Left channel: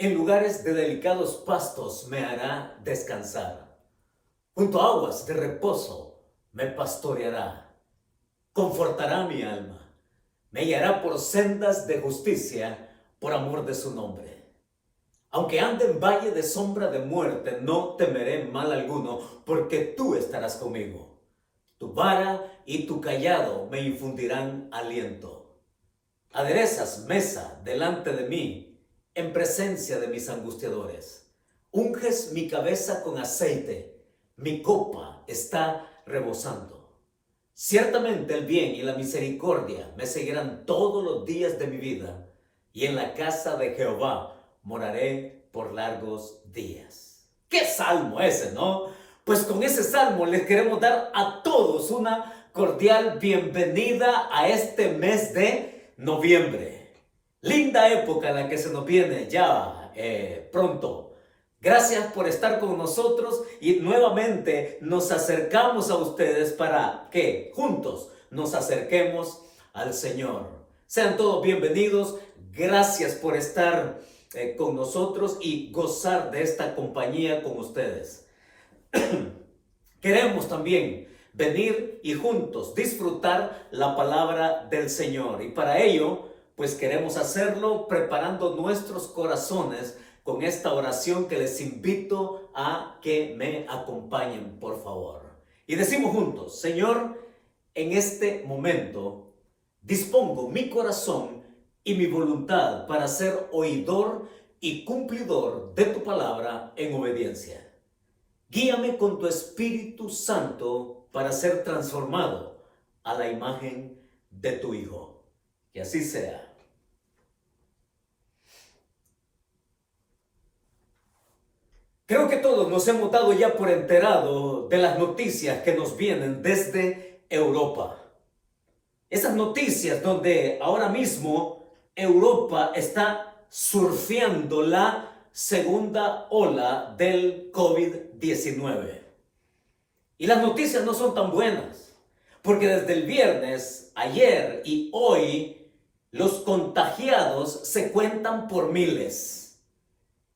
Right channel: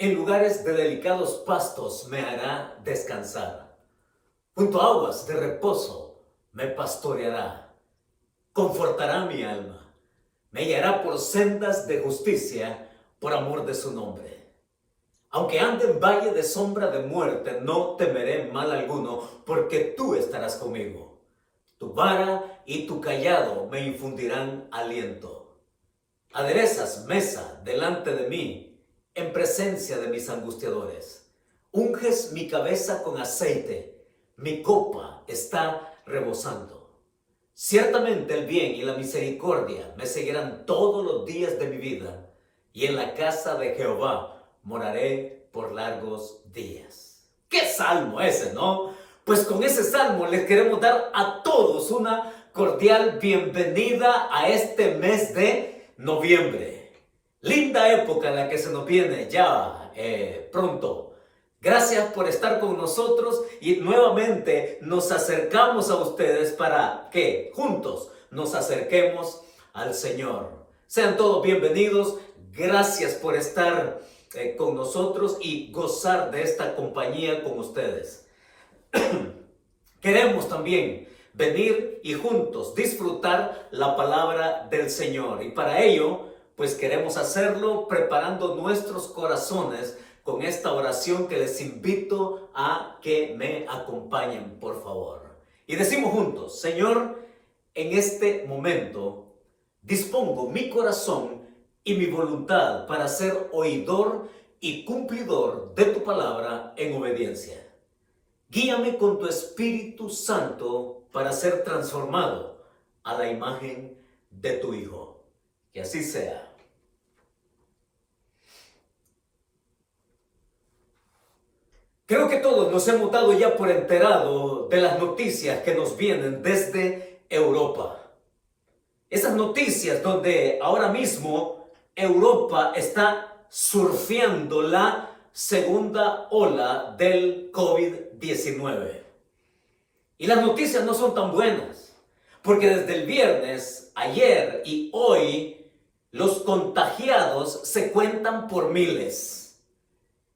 En lugares de delicados pastos me hará descansar. Junto a aguas de reposo me pastoreará. Confortará mi alma. Me guiará por sendas de justicia por amor de su nombre. Aunque ande en valle de sombra de muerte, no temeré mal alguno, porque tú estarás conmigo. Tu vara y tu cayado me infundirán aliento. Aderezas mesa delante de mí, en presencia de mis angustiadores. Unges mi cabeza con aceite, mi copa está rebosando. Ciertamente el bien y la misericordia me seguirán todos los días de mi vida, y en la casa de Jehová moraré por largos días. ¡Qué salmo ese!, ¿no? Pues con ese salmo les queremos dar a todos una cordial bienvenida a este mes de noviembre. Linda época en la que se nos viene ya pronto. Gracias por estar con nosotros y nuevamente nos acercamos a ustedes para que juntos nos acerquemos al Señor. Sean todos bienvenidos. Gracias por estar con nosotros y gozar de esta compañía con ustedes. Queremos también venir y juntos disfrutar la palabra del Señor. Y para ello, pues queremos hacerlo preparando nuestros corazones con esta oración que les invito a que me acompañen, por favor. Y decimos juntos: Señor, en este momento dispongo mi corazón y mi voluntad para ser oidor y cumplidor de tu palabra en obediencia. Guíame con tu Espíritu Santo para ser transformado a la imagen de tu Hijo. Que así sea. Creo que todos nos hemos dado ya por enterado de las noticias que nos vienen desde Europa. Esas noticias donde ahora mismo Europa está surfeando la segunda ola del COVID-19. Y las noticias no son tan buenas, porque desde el viernes, ayer y hoy, los contagiados se cuentan por miles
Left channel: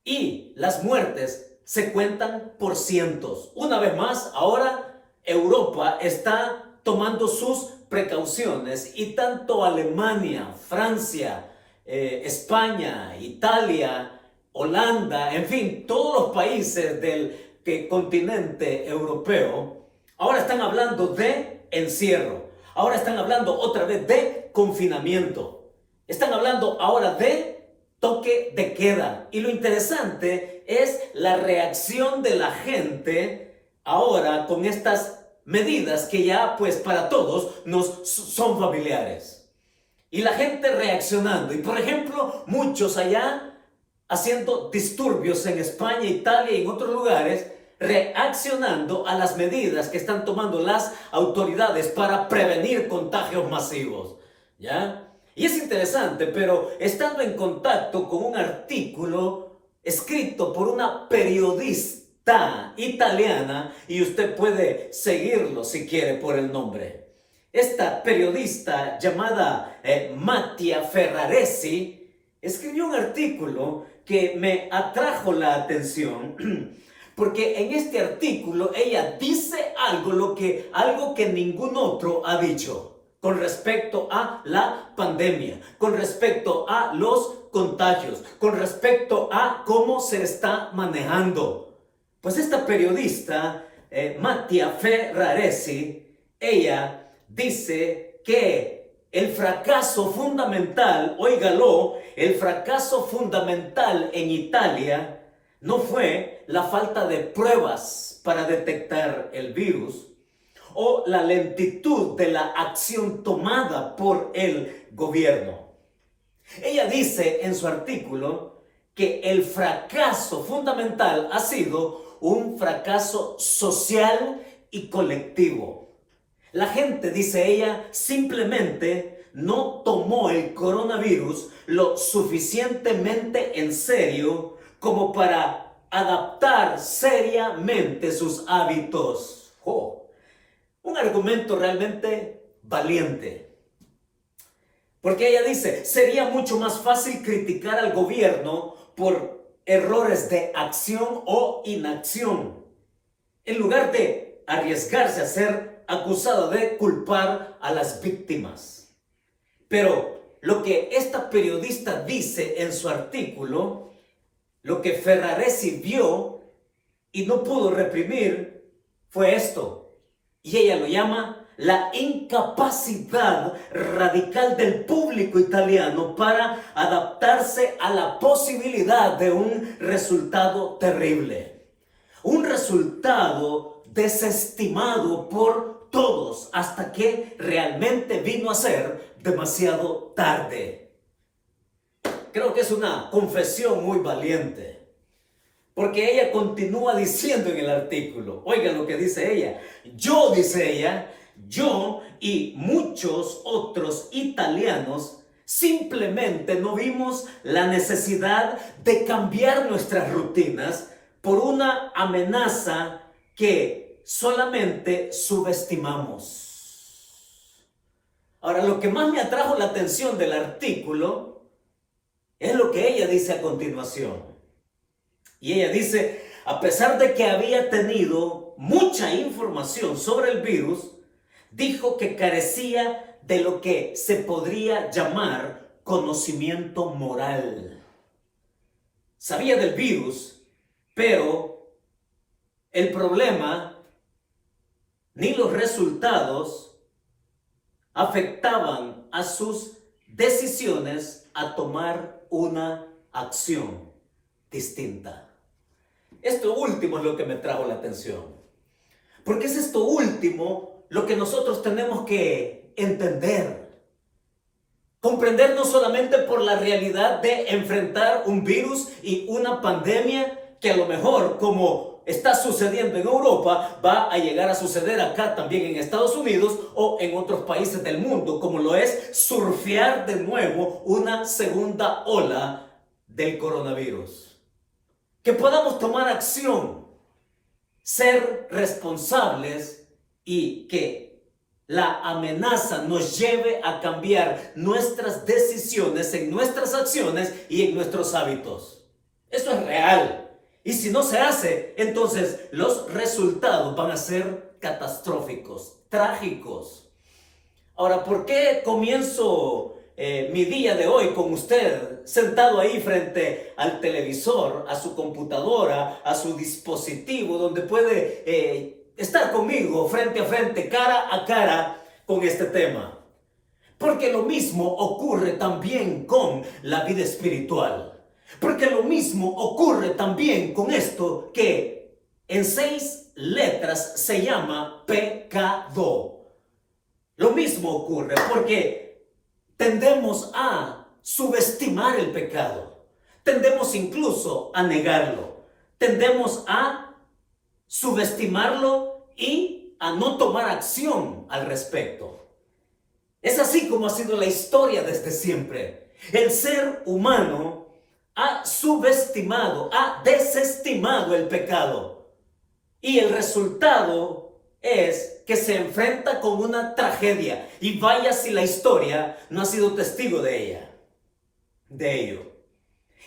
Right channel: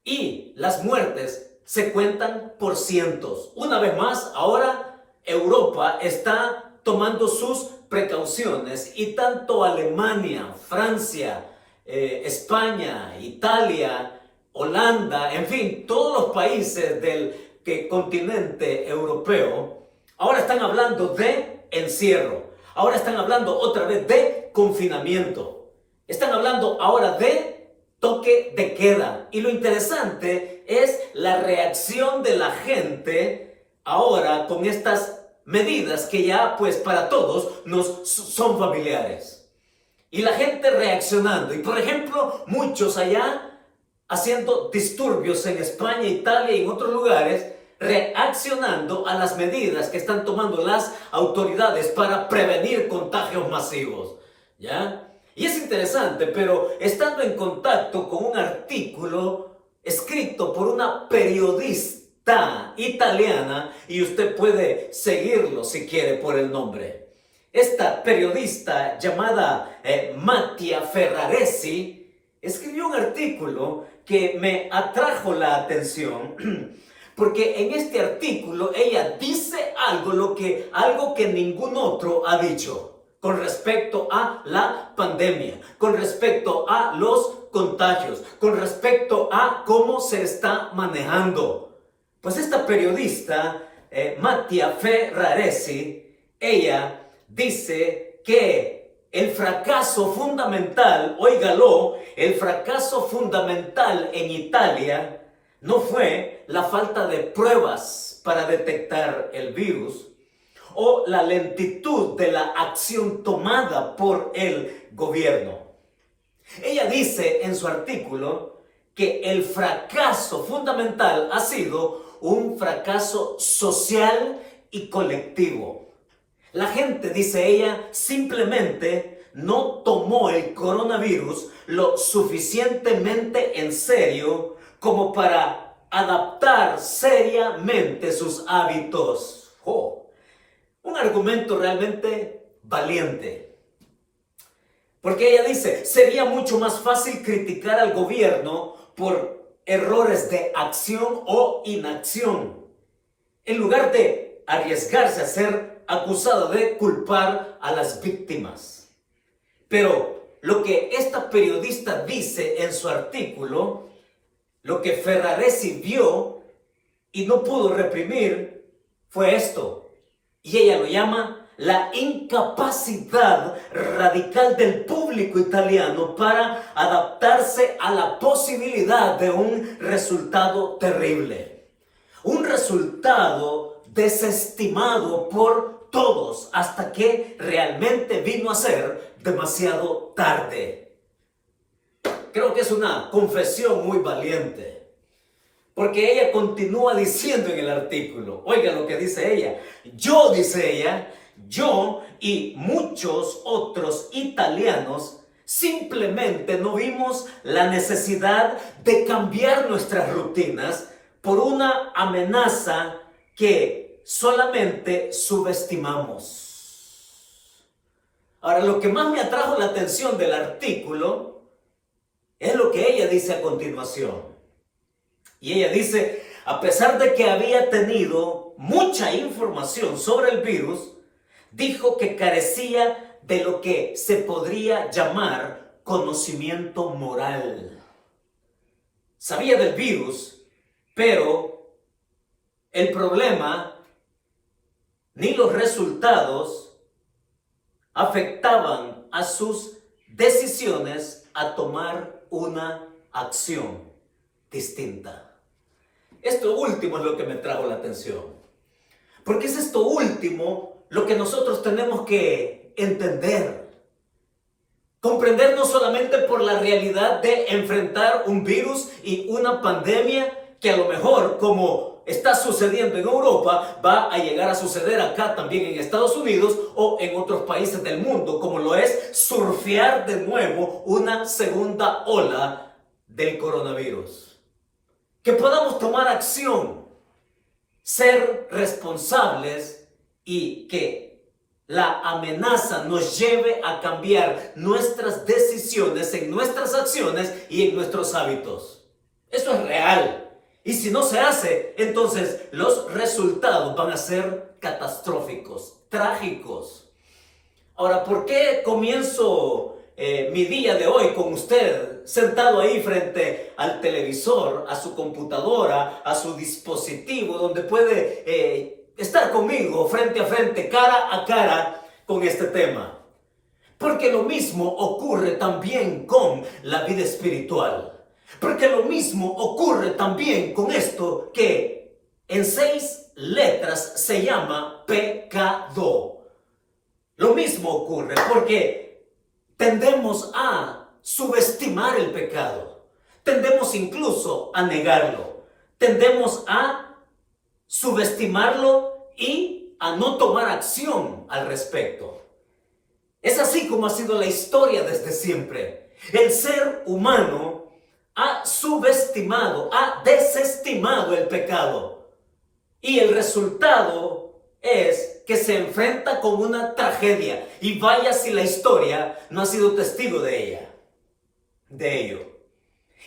y las muertes se cuentan por cientos. Una vez más, ahora Europa está tomando sus precauciones y tanto Alemania, Francia, España, Italia, Holanda, en fin, todos los países del continente europeo, ahora están hablando de encierro. Ahora están hablando otra vez de confinamiento. Están hablando ahora de toque de queda. Y lo interesante es la reacción de la gente ahora con estas medidas que ya pues para todos nos son familiares. Y la gente reaccionando. Y por ejemplo, muchos allá haciendo disturbios en España, Italia y en otros lugares, reaccionando a las medidas que están tomando las autoridades para prevenir contagios masivos. ¿Ya? Y es interesante, pero estando en contacto con un artículo escrito por una periodista italiana, y usted puede seguirlo si quiere por el nombre. Esta periodista llamada Mattia Ferraresi escribió un artículo que me atrajo la atención porque en este artículo ella dice algo que ningún otro ha dicho con respecto a la pandemia, con respecto a los contagios, con respecto a cómo se está manejando. Pues esta periodista, Mattia Ferraresi, ella dice que el fracaso fundamental, óigalo, el fracaso fundamental en Italia no fue la falta de pruebas para detectar el virus o la lentitud de la acción tomada por el gobierno. Ella dice en su artículo que el fracaso fundamental ha sido un fracaso social y colectivo. La gente, dice ella, simplemente no tomó el coronavirus lo suficientemente en serio como para adaptar seriamente sus hábitos. Un argumento realmente valiente. Porque ella dice, sería mucho más fácil criticar al gobierno por errores de acción o inacción, en lugar de arriesgarse a ser acusado de culpar a las víctimas. Pero lo que esta periodista dice en su artículo, lo que Ferraresi vio y no pudo reprimir, fue esto. Y ella lo llama la incapacidad radical del público italiano para adaptarse a la posibilidad de un resultado terrible. Un resultado desestimado por todos hasta que realmente vino a ser demasiado tarde. Creo que es una confesión muy valiente. Porque ella continúa diciendo en el artículo, oiga lo que dice ella, dice ella, yo y muchos otros italianos simplemente no vimos la necesidad de cambiar nuestras rutinas por una amenaza que solamente subestimamos. Ahora, lo que más me atrajo la atención del artículo es lo que ella dice a continuación. Y ella dice, a pesar de que había tenido mucha información sobre el virus, dijo que carecía de lo que se podría llamar conocimiento moral. Sabía del virus, pero el problema ni los resultados afectaban a sus decisiones a tomar una acción distinta. Esto último es lo que me trajo la atención. Porque es esto último lo que nosotros tenemos que entender. Comprender no solamente por la realidad de enfrentar un virus y una pandemia que a lo mejor, como está sucediendo en Europa, va a llegar a suceder acá también en Estados Unidos o en otros países del mundo, como lo es surfear de nuevo una segunda ola del coronavirus. Que podamos tomar acción, ser responsables y que la amenaza nos lleve a cambiar nuestras decisiones en nuestras acciones y en nuestros hábitos. Eso es real. Y si no se hace, entonces los resultados van a ser catastróficos, trágicos. Ahora, ¿por qué comienzo mi día de hoy con usted sentado ahí frente al televisor, a su computadora, a su dispositivo, donde puede estar conmigo frente a frente, cara a cara con este tema? Porque lo mismo ocurre también con la vida espiritual. Porque lo mismo ocurre también con esto que en 6 letras se llama pecado. Lo mismo ocurre porque tendemos a subestimar el pecado. Tendemos incluso a negarlo. Tendemos a subestimarlo y a no tomar acción al respecto. Es así como ha sido la historia desde siempre. El ser humano ha subestimado, ha desestimado el pecado. Y el resultado es que se enfrenta con una tragedia. Y vaya si la historia no ha sido testigo de ello.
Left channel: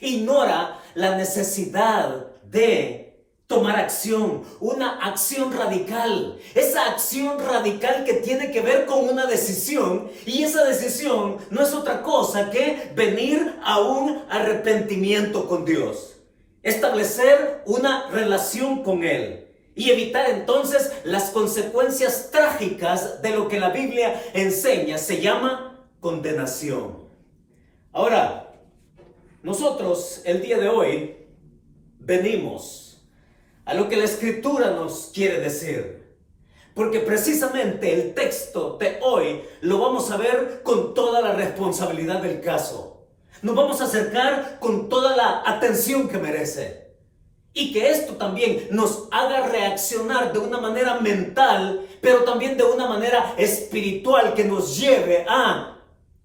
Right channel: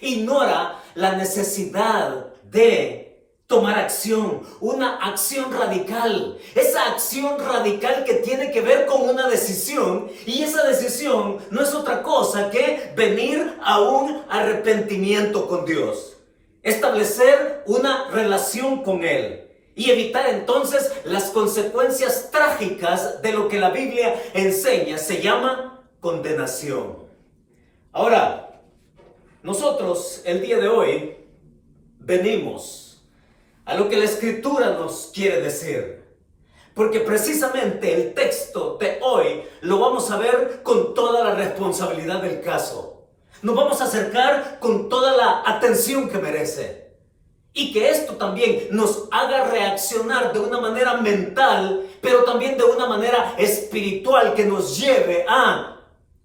Ignora la necesidad de tomar acción, una acción radical. Esa acción radical que tiene que ver con una decisión, y esa decisión no es otra cosa que venir a un arrepentimiento con Dios. Establecer una relación con Él. Y evitar entonces las consecuencias trágicas de lo que la Biblia enseña. Se llama condenación. Ahora, nosotros el día de hoy venimos a lo que la Escritura nos quiere decir. Porque precisamente el texto de hoy lo vamos a ver con toda la responsabilidad del caso. Nos vamos a acercar con toda la atención que merece. Y que esto también nos haga reaccionar de una manera mental, pero también de una manera espiritual, que nos lleve a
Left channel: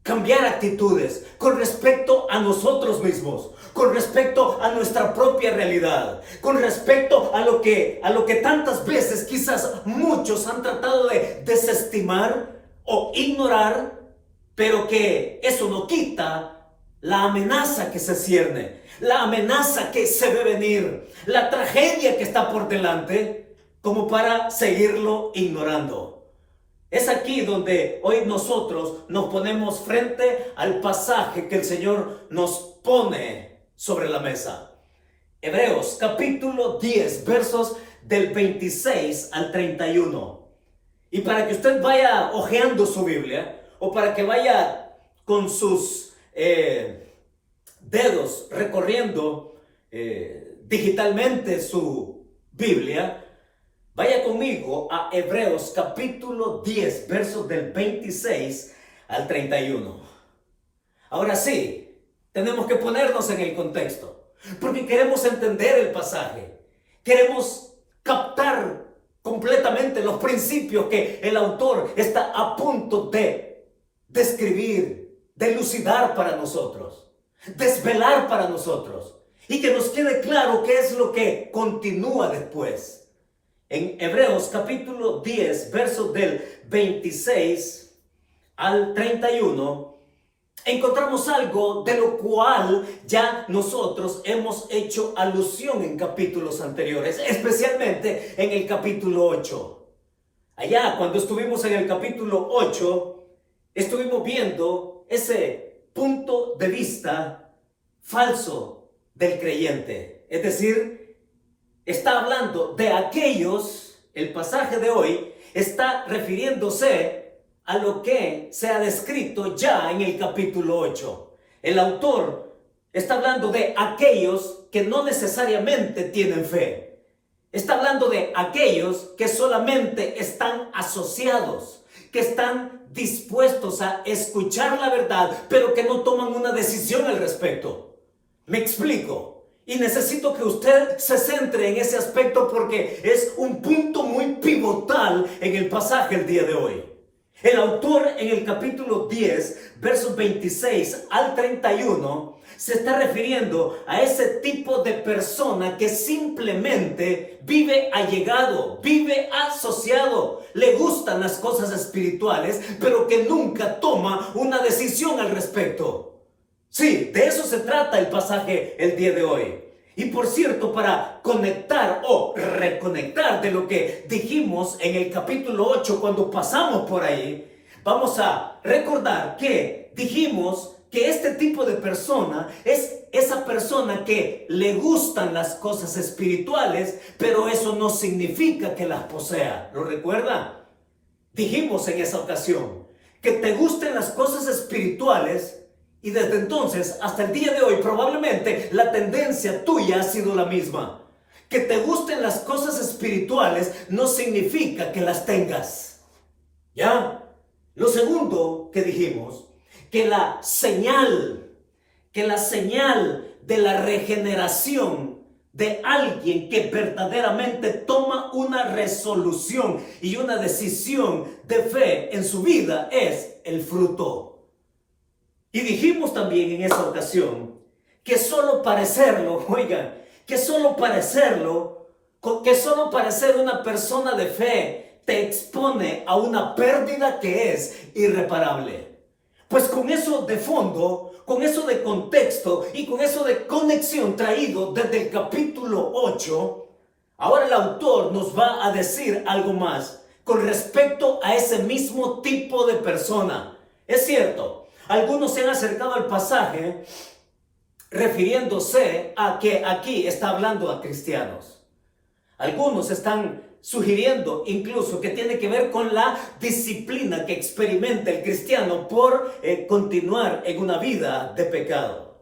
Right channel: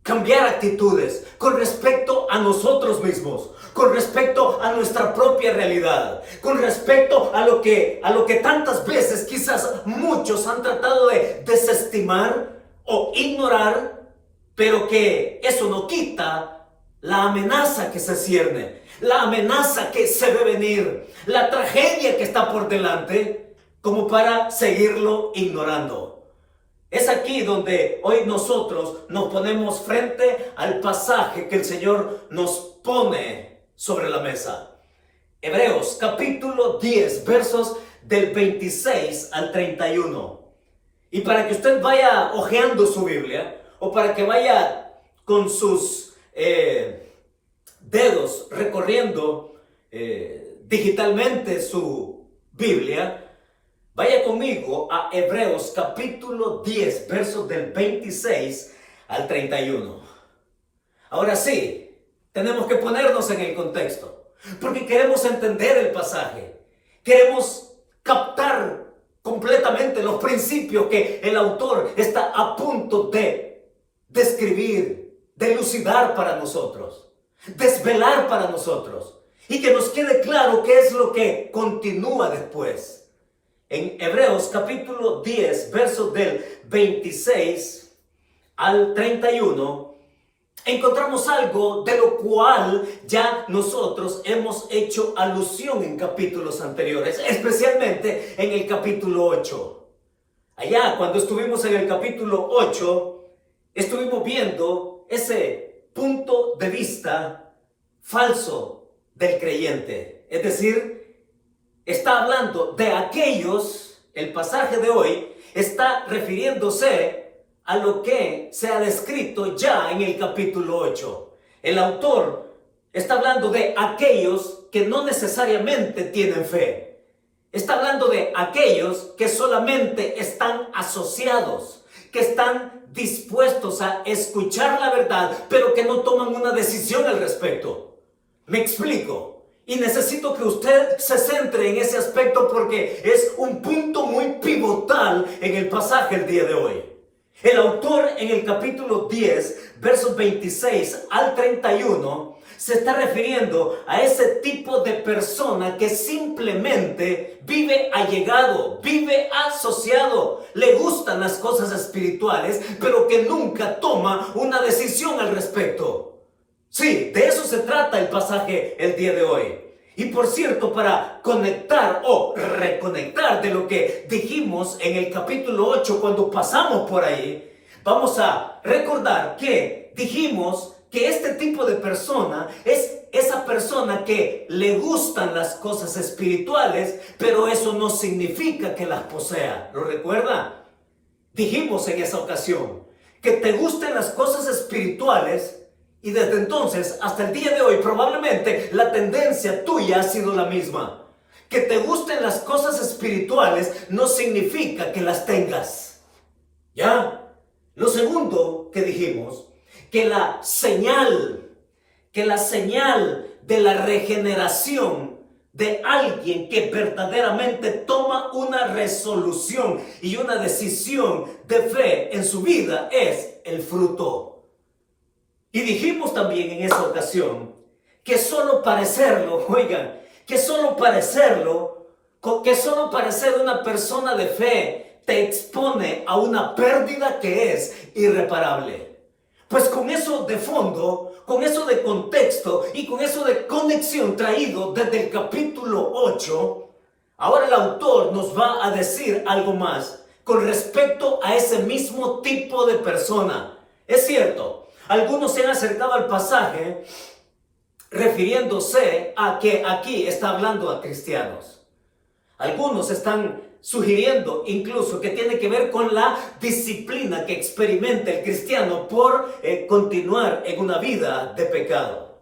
cambiar actitudes con respecto a nosotros mismos, con respecto a nuestra propia realidad, con respecto a lo que tantas veces quizás muchos han tratado de desestimar o ignorar, pero que eso no quita la amenaza que se cierne, la amenaza que se ve venir, la tragedia que está por delante, como para seguirlo ignorando. Es aquí donde hoy nosotros nos ponemos frente al pasaje que el Señor nos pone sobre la mesa. Hebreos capítulo 10, versos del 26 al 31. Y para que usted vaya hojeando su Biblia, o para que vaya con sus dedos recorriendo digitalmente su Biblia, vaya conmigo a Hebreos capítulo 10, versos del 26 al 31. Ahora sí, tenemos que ponernos en el contexto, porque queremos entender el pasaje. Queremos captar completamente los principios que el autor está a punto de describir, de elucidar para nosotros, desvelar para nosotros, y que nos quede claro qué es lo que continúa después. En Hebreos capítulo 10, versos del 26 al 31, encontramos algo de lo cual ya nosotros hemos hecho alusión en capítulos anteriores, especialmente en el capítulo 8. Allá, cuando estuvimos en el capítulo 8, estuvimos viendo ese punto de vista falso del creyente. Es decir, está hablando de aquellos, el pasaje de hoy está refiriéndose a lo que se ha descrito ya en el capítulo 8. El autor está hablando de aquellos que no necesariamente tienen fe. Está hablando de aquellos que solamente están asociados, que están dispuestos a escuchar la verdad, pero que no toman una decisión al respecto. Me explico. Y necesito que usted se centre en ese aspecto porque es un punto muy pivotal en el pasaje el día de hoy. El autor en el capítulo 10, versos 26 al 31, se está refiriendo a ese tipo de persona que simplemente vive allegado, vive asociado, le gustan las cosas espirituales, pero que nunca toma una decisión al respecto. Sí, de eso se trata el pasaje el día de hoy. Y por cierto, para conectar o reconectar de lo que dijimos en el capítulo 8 cuando pasamos por ahí, vamos a recordar que dijimos que este tipo de persona es esa persona que le gustan las cosas espirituales, pero eso no significa que las posea. ¿Lo recuerda? Dijimos en esa ocasión que te gusten las cosas espirituales. Y desde entonces hasta el día de hoy probablemente la tendencia tuya ha sido la misma. Que te gusten las cosas espirituales no significa que las tengas. ¿Ya? Lo segundo que dijimos, que la señal de la regeneración de alguien que verdaderamente toma una resolución y una decisión de fe en su vida es el fruto. Y dijimos también en esa ocasión que solo parecerlo, oigan, que solo parecer una persona de fe te expone a una pérdida que es irreparable. Pues con eso de fondo, con eso de contexto y con eso de conexión traído desde el capítulo 8, ahora el autor nos va a decir algo más con respecto a ese mismo tipo de persona. Es cierto. Algunos se han acercado al pasaje refiriéndose a que aquí está hablando a cristianos. Algunos están sugiriendo incluso que tiene que ver con la disciplina que experimenta el cristiano por continuar en una vida de pecado.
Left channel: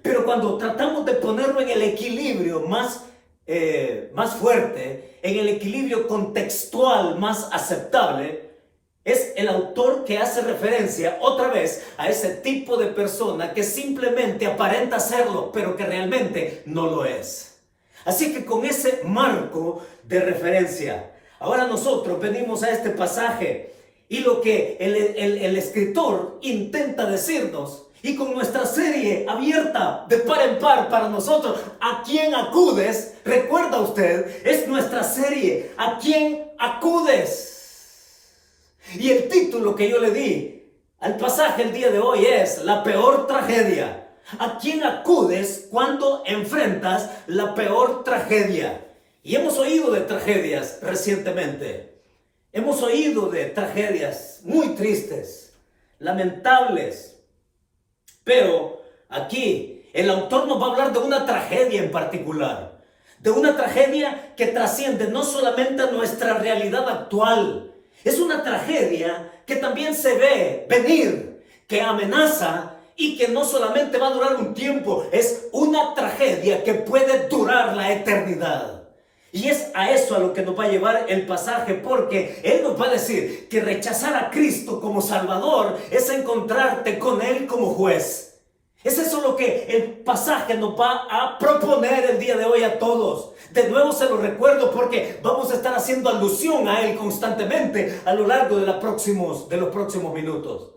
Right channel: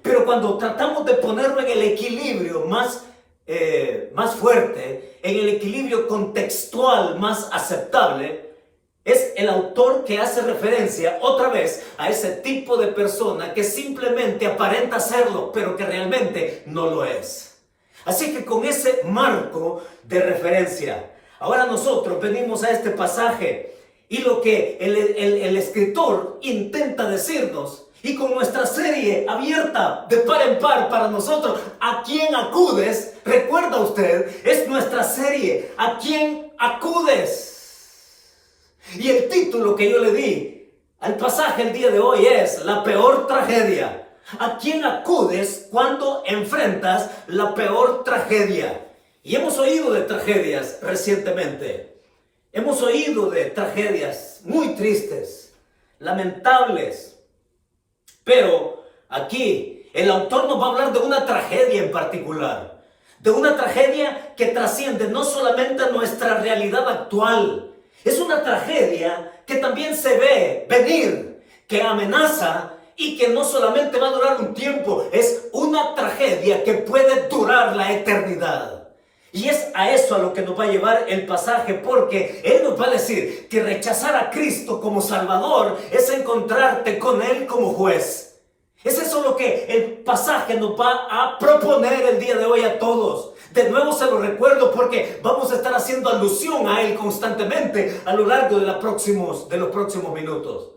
Pero cuando tratamos de ponerlo en el equilibrio más fuerte, en el equilibrio contextual más aceptable, es el autor que hace referencia otra vez a ese tipo de persona que simplemente aparenta serlo, pero que realmente no lo es. Así que con ese marco de referencia, ahora nosotros venimos a este pasaje y lo que el escritor intenta decirnos, y con nuestra serie abierta de par en par para nosotros, ¿a quién acudes? Recuerda usted, es nuestra serie, ¿a quién acudes? Y el título que yo le di al pasaje el día de hoy es La peor tragedia. ¿A quién acudes cuando enfrentas la peor tragedia? Y hemos oído de tragedias recientemente. Hemos oído de tragedias muy tristes, lamentables. Pero aquí el autor nos va a hablar de una tragedia en particular. De una tragedia que trasciende no solamente a nuestra realidad actual. Es una tragedia que también se ve venir, que amenaza y que no solamente va a durar un tiempo, es una tragedia que puede durar la eternidad. Y es a eso a lo que nos va a llevar el pasaje, porque Él nos va a decir que rechazar a Cristo como Salvador es encontrarte con Él como juez. Es eso lo que el pasaje nos va a proponer el día de hoy a todos. De nuevo se lo recuerdo porque vamos a estar haciendo alusión a Él constantemente a lo largo de los próximos minutos.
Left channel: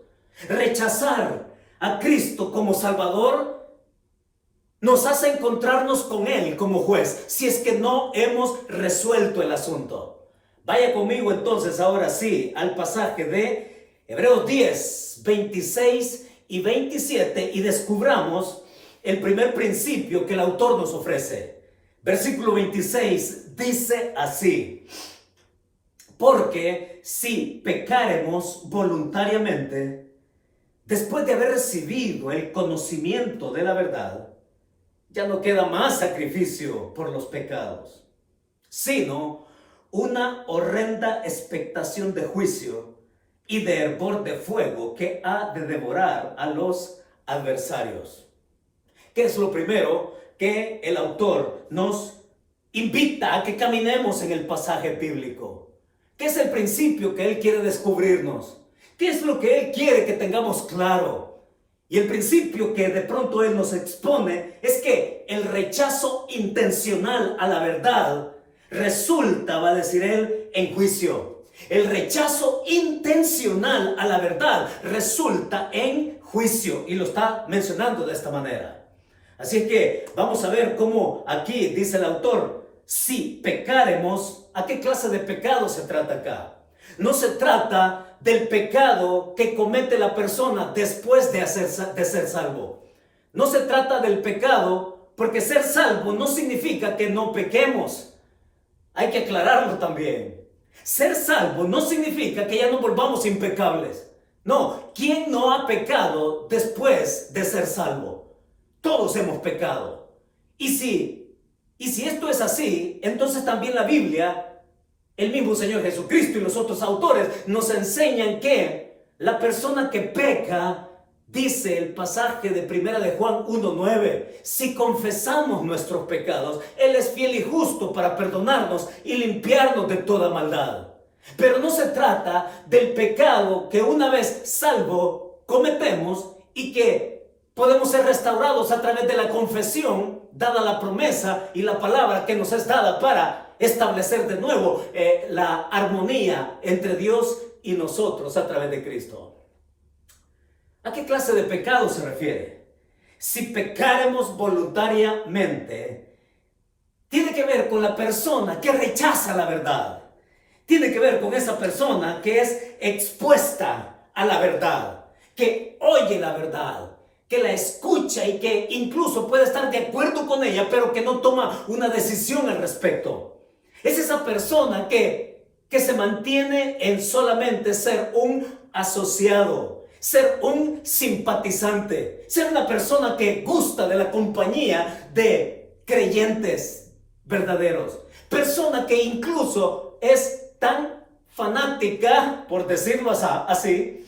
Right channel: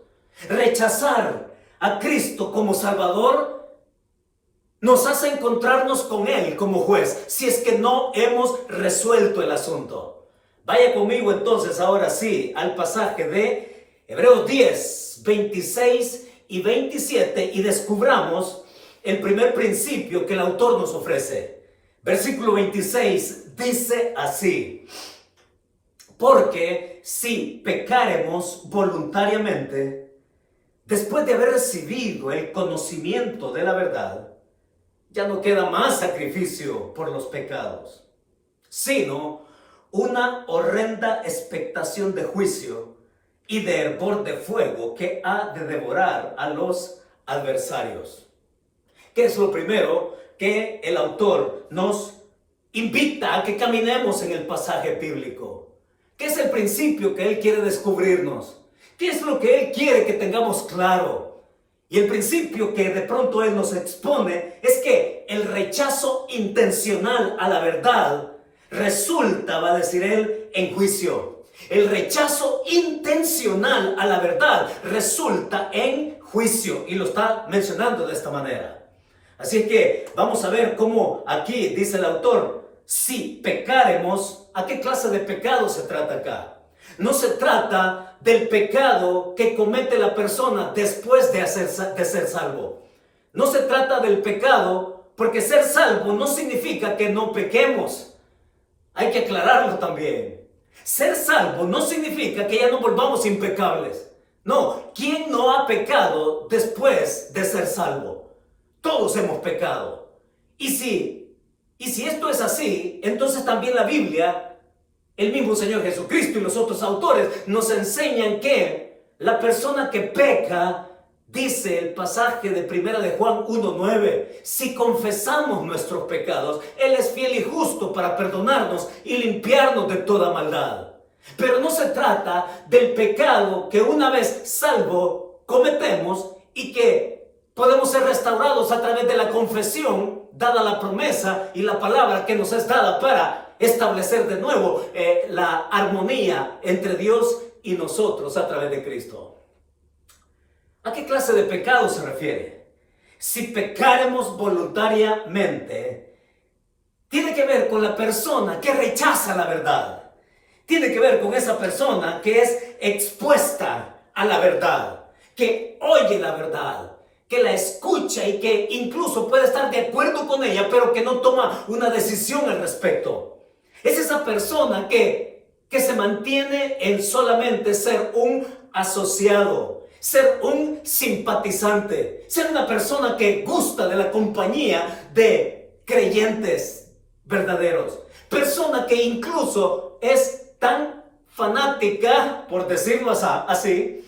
Rechazar a Cristo como Salvador nos hace encontrarnos con Él como juez, si es que no hemos resuelto el asunto. Vaya conmigo entonces ahora sí al pasaje de Hebreos 10, 26 y 27 y descubramos el primer principio que el autor nos ofrece. Versículo 26 dice así: porque si pecaremos voluntariamente, después de haber recibido el conocimiento de la verdad, ya no queda más sacrificio por los pecados, sino una horrenda expectación de juicio y de hervor de fuego que ha de devorar a los adversarios. ¿Qué es lo primero que el autor nos invita a que caminemos en el pasaje bíblico? ¿Qué es el principio que él quiere descubrirnos? ¿Qué es lo que él quiere que tengamos claro? Y el principio que de pronto él nos expone es que el rechazo intencional a la verdad resulta, va a decir él, en juicio. El rechazo intencional a la verdad resulta en juicio, y lo está mencionando de esta manera. Así que vamos a ver cómo aquí dice el autor: si pecaremos, ¿a qué clase de pecado se trata acá? No se trata del pecado que comete la persona después de ser salvo. No se trata del pecado, porque ser salvo no significa que no pequemos. Hay que aclararlo también. Ser salvo no significa que ya no volvamos impecables. No, ¿quién no ha pecado después de ser salvo? Todos hemos pecado. Y si esto es así, entonces también la Biblia, el mismo Señor Jesucristo y los otros autores nos enseñan que la persona que peca, dice el pasaje de 1 de Juan 1:9, si confesamos nuestros pecados, Él es fiel y justo para perdonarnos y limpiarnos de toda maldad. Pero no se trata del pecado que una vez salvo cometemos y que podemos ser restaurados a través de la confesión, dada la promesa y la palabra que nos es dada para establecer de nuevo la armonía entre Dios y nosotros a través de Cristo. ¿A qué clase de pecado se refiere? Si pecaremos voluntariamente, tiene que ver con la persona que rechaza la verdad. Tiene que ver con esa persona que es expuesta a la verdad, que oye la verdad, que la escucha y que incluso puede estar de acuerdo con ella, pero que no toma una decisión al respecto. Es esa persona que se mantiene en solamente ser un asociado, ser un simpatizante, ser una persona que gusta de la compañía de creyentes verdaderos. Persona que incluso es tan fanática, por decirlo así,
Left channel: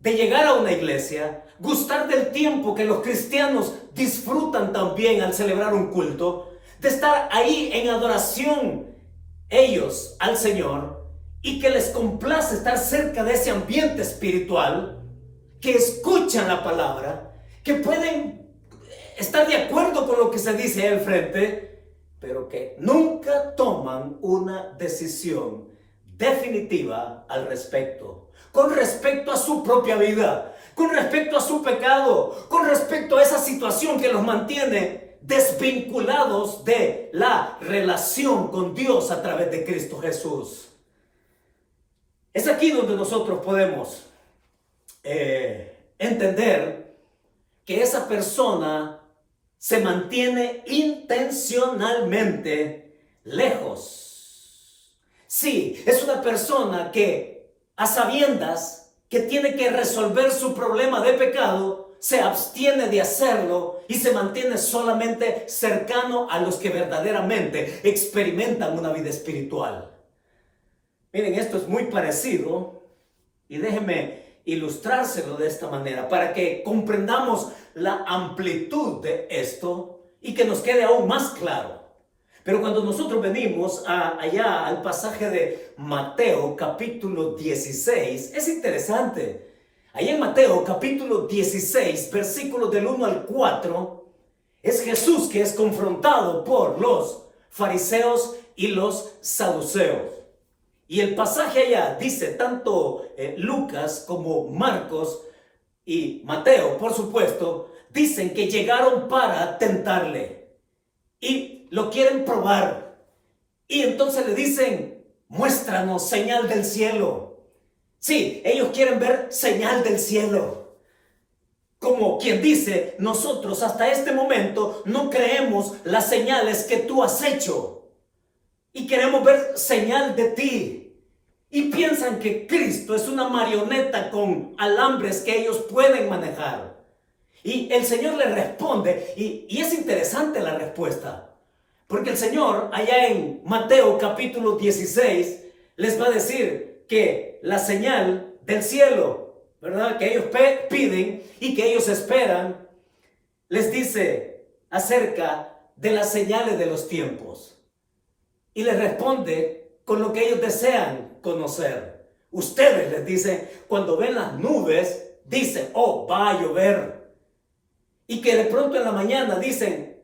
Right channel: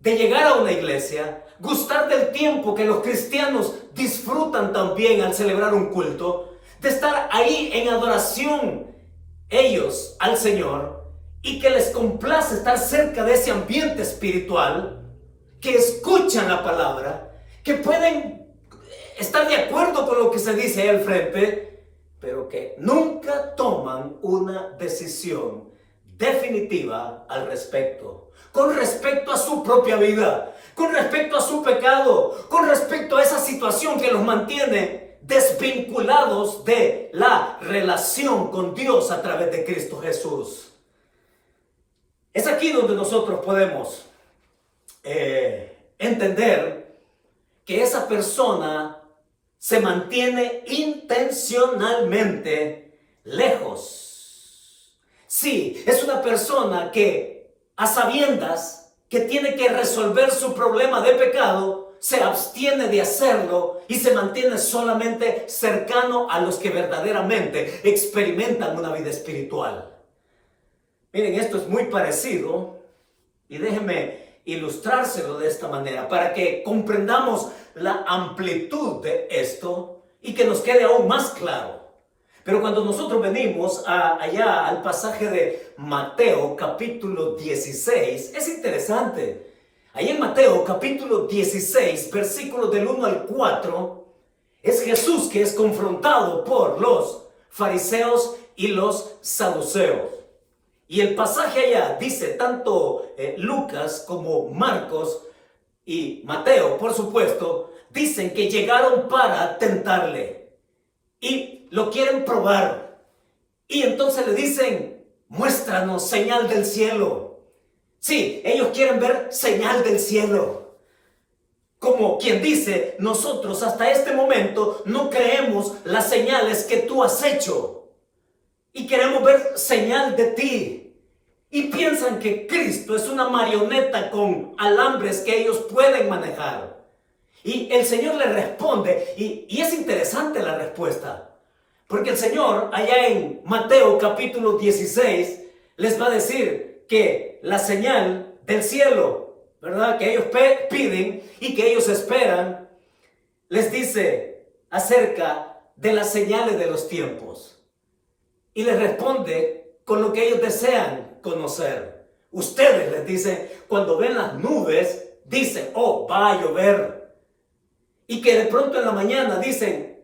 de llegar a una iglesia, gustar del tiempo que los cristianos disfrutan también al celebrar un culto, de estar ahí en adoración ellos al Señor, y que les complace estar cerca de ese ambiente espiritual, que escuchan la palabra, que pueden estar de acuerdo con lo que se dice ahí al frente, pero que nunca toman una decisión definitiva al respecto, con respecto a su propia vida, con respecto a su pecado, con respecto a esa situación que los mantiene desvinculados de la relación con Dios a través de Cristo Jesús. Es aquí donde nosotros podemos entender que esa persona se mantiene intencionalmente lejos. Sí, es una persona que a sabiendas que tiene que resolver su problema de pecado, se abstiene de hacerlo y se mantiene solamente cercano a los que verdaderamente experimentan una vida espiritual. Miren, esto es muy parecido y déjenme ilustrárselo de esta manera para que comprendamos la amplitud de esto y que nos quede aún más claro. Pero cuando nosotros venimos allá al pasaje de Mateo capítulo 16, es interesante. Ahí en Mateo capítulo 16, versículos del 1 al 4, es Jesús que es confrontado por los fariseos y los saduceos. Y el pasaje allá dice, tanto Lucas como Marcos y Mateo, por supuesto, dicen que llegaron para tentarle y lo quieren probar. Y entonces le dicen, muéstranos señal del cielo. Sí, ellos quieren ver señal del cielo. Como quien dice, nosotros hasta este momento no creemos las señales que tú has hecho. Y queremos ver señal de ti. Y piensan que Cristo es una marioneta con alambres que ellos pueden manejar. Y el Señor le responde, y es interesante la respuesta. Porque el Señor, allá en Mateo capítulo 16, les va a decir que la señal del cielo, ¿verdad?, que ellos piden y que ellos esperan, les dice acerca de las señales de los tiempos. Y les responde con lo que ellos desean conocer. Ustedes, les dicen, cuando ven las nubes, dicen, oh, va a llover. Y que de pronto en la mañana dicen,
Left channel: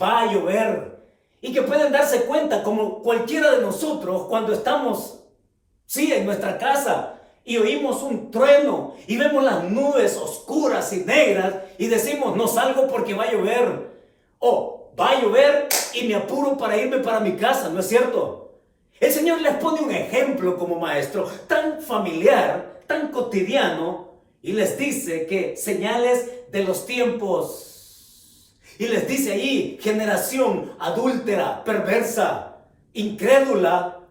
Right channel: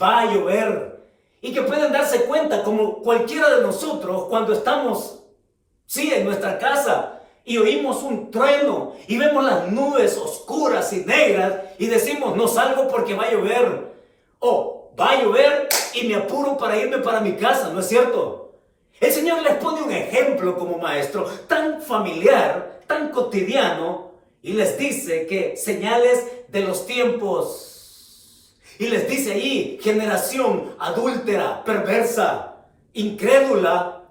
va a llover. Y que pueden darse cuenta, como cualquiera de nosotros, cuando estamos, sí, en nuestra casa y oímos un trueno y vemos las nubes oscuras y negras y decimos, no salgo porque va a llover. O va a llover y me apuro para irme para mi casa, ¿no es cierto? El Señor les pone un ejemplo como maestro tan familiar, tan cotidiano, y les dice que señales de los tiempos. Y les dice ahí, generación adúltera, perversa, incrédula.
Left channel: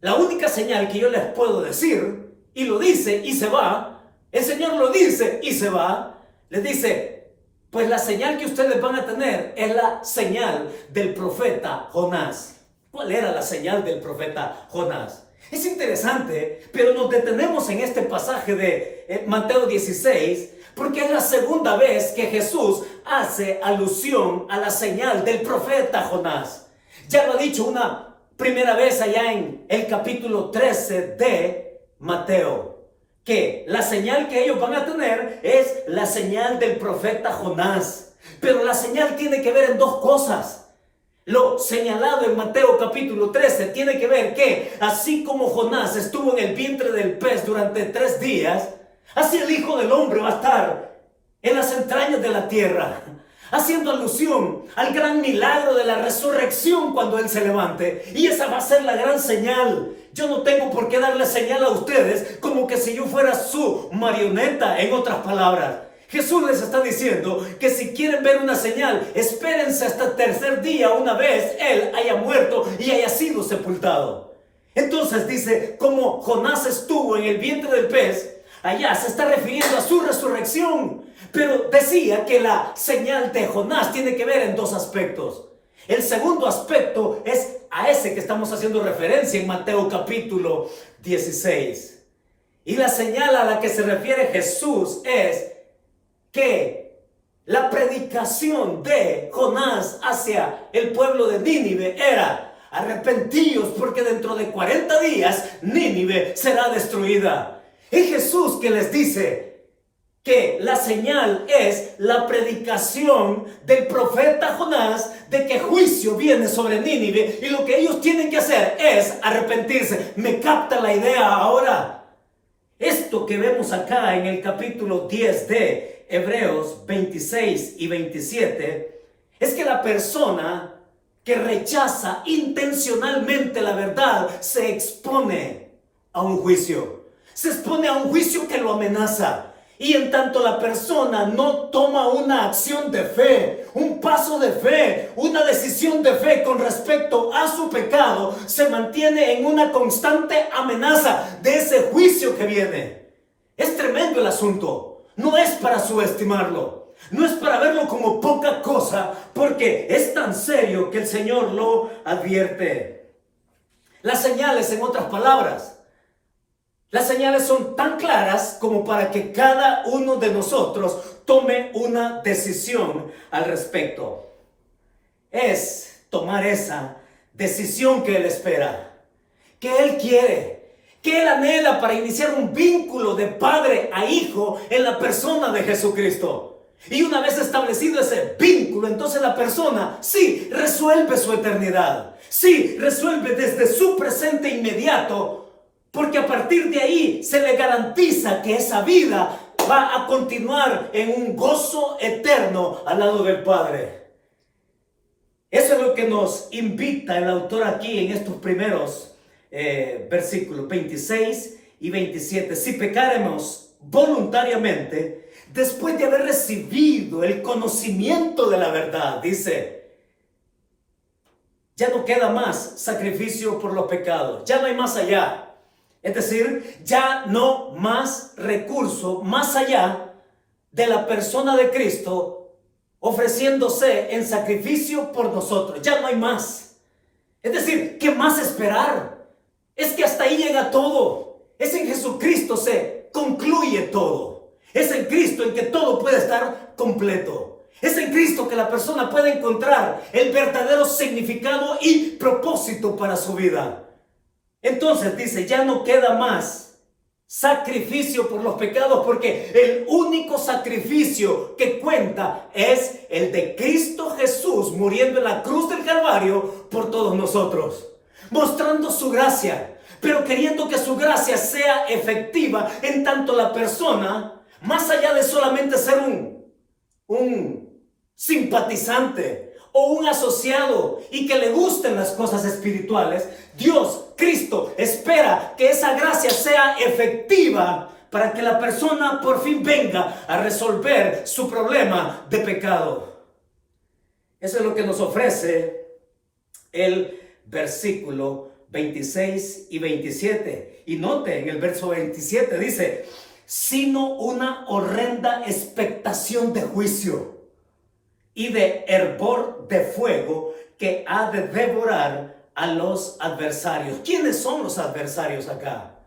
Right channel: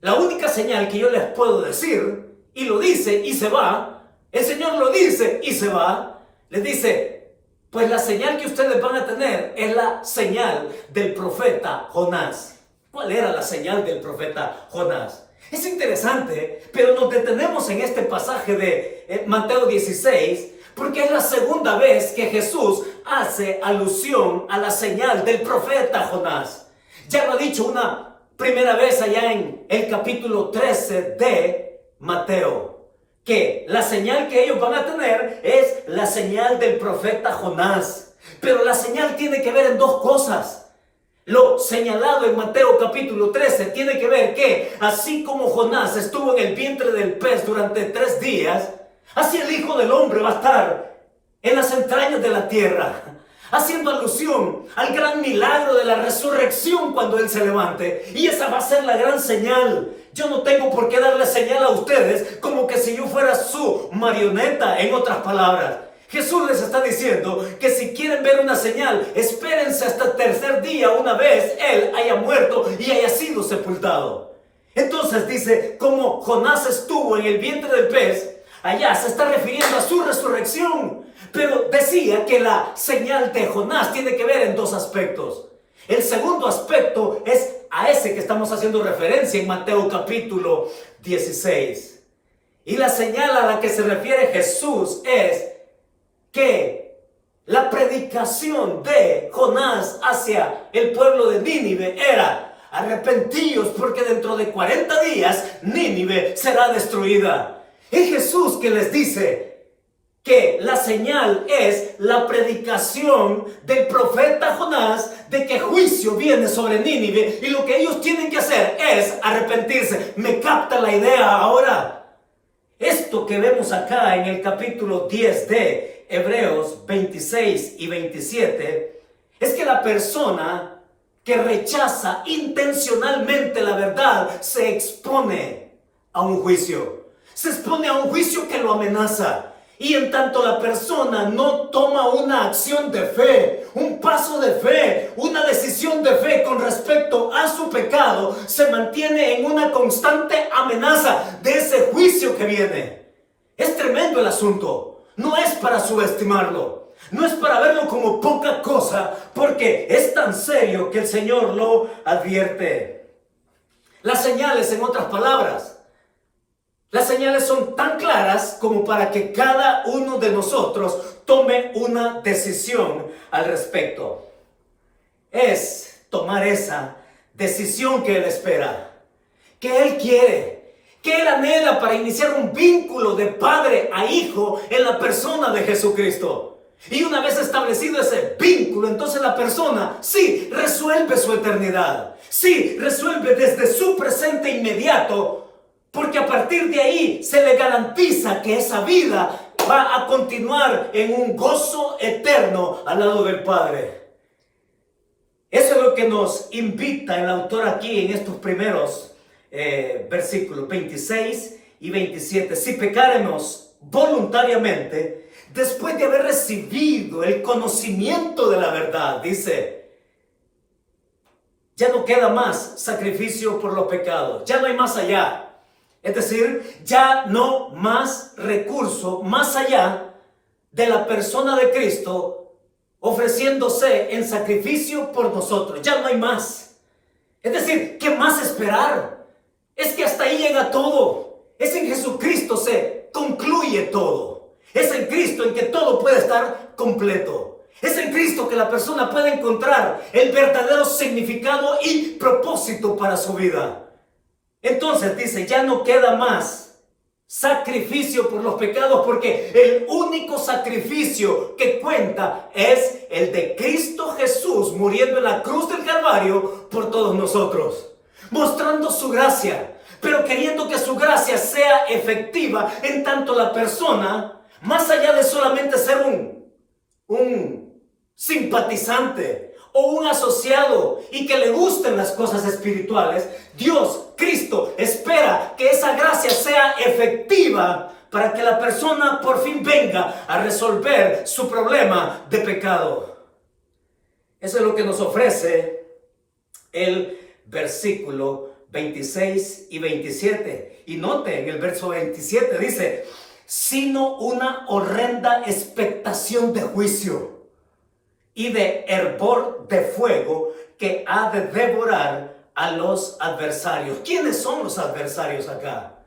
La única señal que yo les puedo decir, y lo dice y se va, el Señor lo dice y se va, les dice, pues la señal que ustedes van a tener es la señal del profeta Jonás. ¿Cuál era la señal del profeta Jonás? Es interesante, pero nos detenemos en este pasaje de Mateo 16, porque es la segunda vez que Jesús hace alusión a la señal del profeta Jonás. Ya lo ha dicho una primera vez allá en el capítulo 13 de Mateo, que la señal que ellos van a tener es la señal del profeta Jonás. Pero la señal tiene que ver en dos cosas. Lo señalado en Mateo capítulo 13 tiene que ver que así como Jonás estuvo en el vientre del pez durante 3 días, así el Hijo del Hombre va a estar en las entrañas de la tierra, haciendo alusión al gran milagro de la resurrección cuando Él se levante. Y esa va a ser la gran señal. Yo no tengo por qué darle señal a ustedes como que si yo fuera su marioneta, en otras palabras. Jesús les está diciendo que si quieren ver una señal, espérense hasta el 3er día, una vez Él haya muerto y haya sido sepultado. Entonces dice, como Jonás estuvo en el vientre del pez, allá se está refiriendo a su resurrección. Pero decía que la señal de Jonás tiene que ver en 2 aspectos. El segundo aspecto es a ese que estamos haciendo referencia en Mateo capítulo 16. Y la señal a la que se refiere Jesús es que la predicación de Jonás hacia el pueblo de Nínive era: arrepentíos porque dentro de 40 días Nínive será destruida. Es Jesús que les dice que la señal es la predicación del profeta Jonás de que juicio viene sobre Nínive y lo que ellos tienen que hacer es arrepentirse. ¿Me capta la idea ahora? Esto que vemos acá en el capítulo 10 de Hebreos 26 y 27 es que la persona que rechaza intencionalmente la verdad se expone a un juicio. Se expone a un juicio que lo amenaza. Y en tanto la persona no toma una acción de fe, un paso de fe, una decisión de fe con respecto a su pecado, se mantiene en una constante amenaza de ese juicio que viene. Es tremendo el asunto. No es para subestimarlo. No es para verlo como poca cosa, porque es tan serio que el Señor lo advierte. Las señales, en otras palabras, las señales son tan claras como para que cada uno de nosotros tome una decisión al respecto. Es tomar esa decisión que Él espera, que Él quiere, que Él anhela para iniciar un vínculo de padre a hijo en la persona de Jesucristo. Y una vez establecido ese vínculo, entonces la persona sí resuelve su eternidad, sí resuelve desde su presente inmediato, porque a partir de ahí se le garantiza que esa vida va a continuar en un gozo eterno al lado del Padre. Eso es lo que nos invita el autor aquí en estos primeros versículos 26 y 27. Si pecáremos voluntariamente, después de haber recibido el conocimiento de la verdad, dice, ya no queda más sacrificio por los pecados, ya no hay más allá. Es decir, ya no más recurso más allá de la persona de Cristo ofreciéndose en sacrificio por nosotros. Ya no hay más. Es decir, ¿qué más esperar? Es que hasta ahí llega todo. Es en Jesucristo se concluye todo. Es en Cristo en que todo puede estar completo. Es en Cristo que la persona puede encontrar el verdadero significado y propósito para su vida. Entonces dice, ya no queda más sacrificio por los pecados, porque el único sacrificio que cuenta es el de Cristo Jesús muriendo en la cruz del Calvario por todos nosotros, mostrando su gracia, pero queriendo que su gracia sea efectiva en tanto la persona, más allá de solamente ser un simpatizante o un asociado y que le gusten las cosas espirituales, Dios, Cristo, espera que esa gracia sea efectiva para que la persona por fin venga a resolver su problema de pecado. Eso es lo que nos ofrece el versículo 26 y 27. Y note en el verso 27 dice, sino una horrenda expectación de juicio y de hervor de fuego que ha de devorar a los adversarios. ¿Quiénes son los adversarios acá?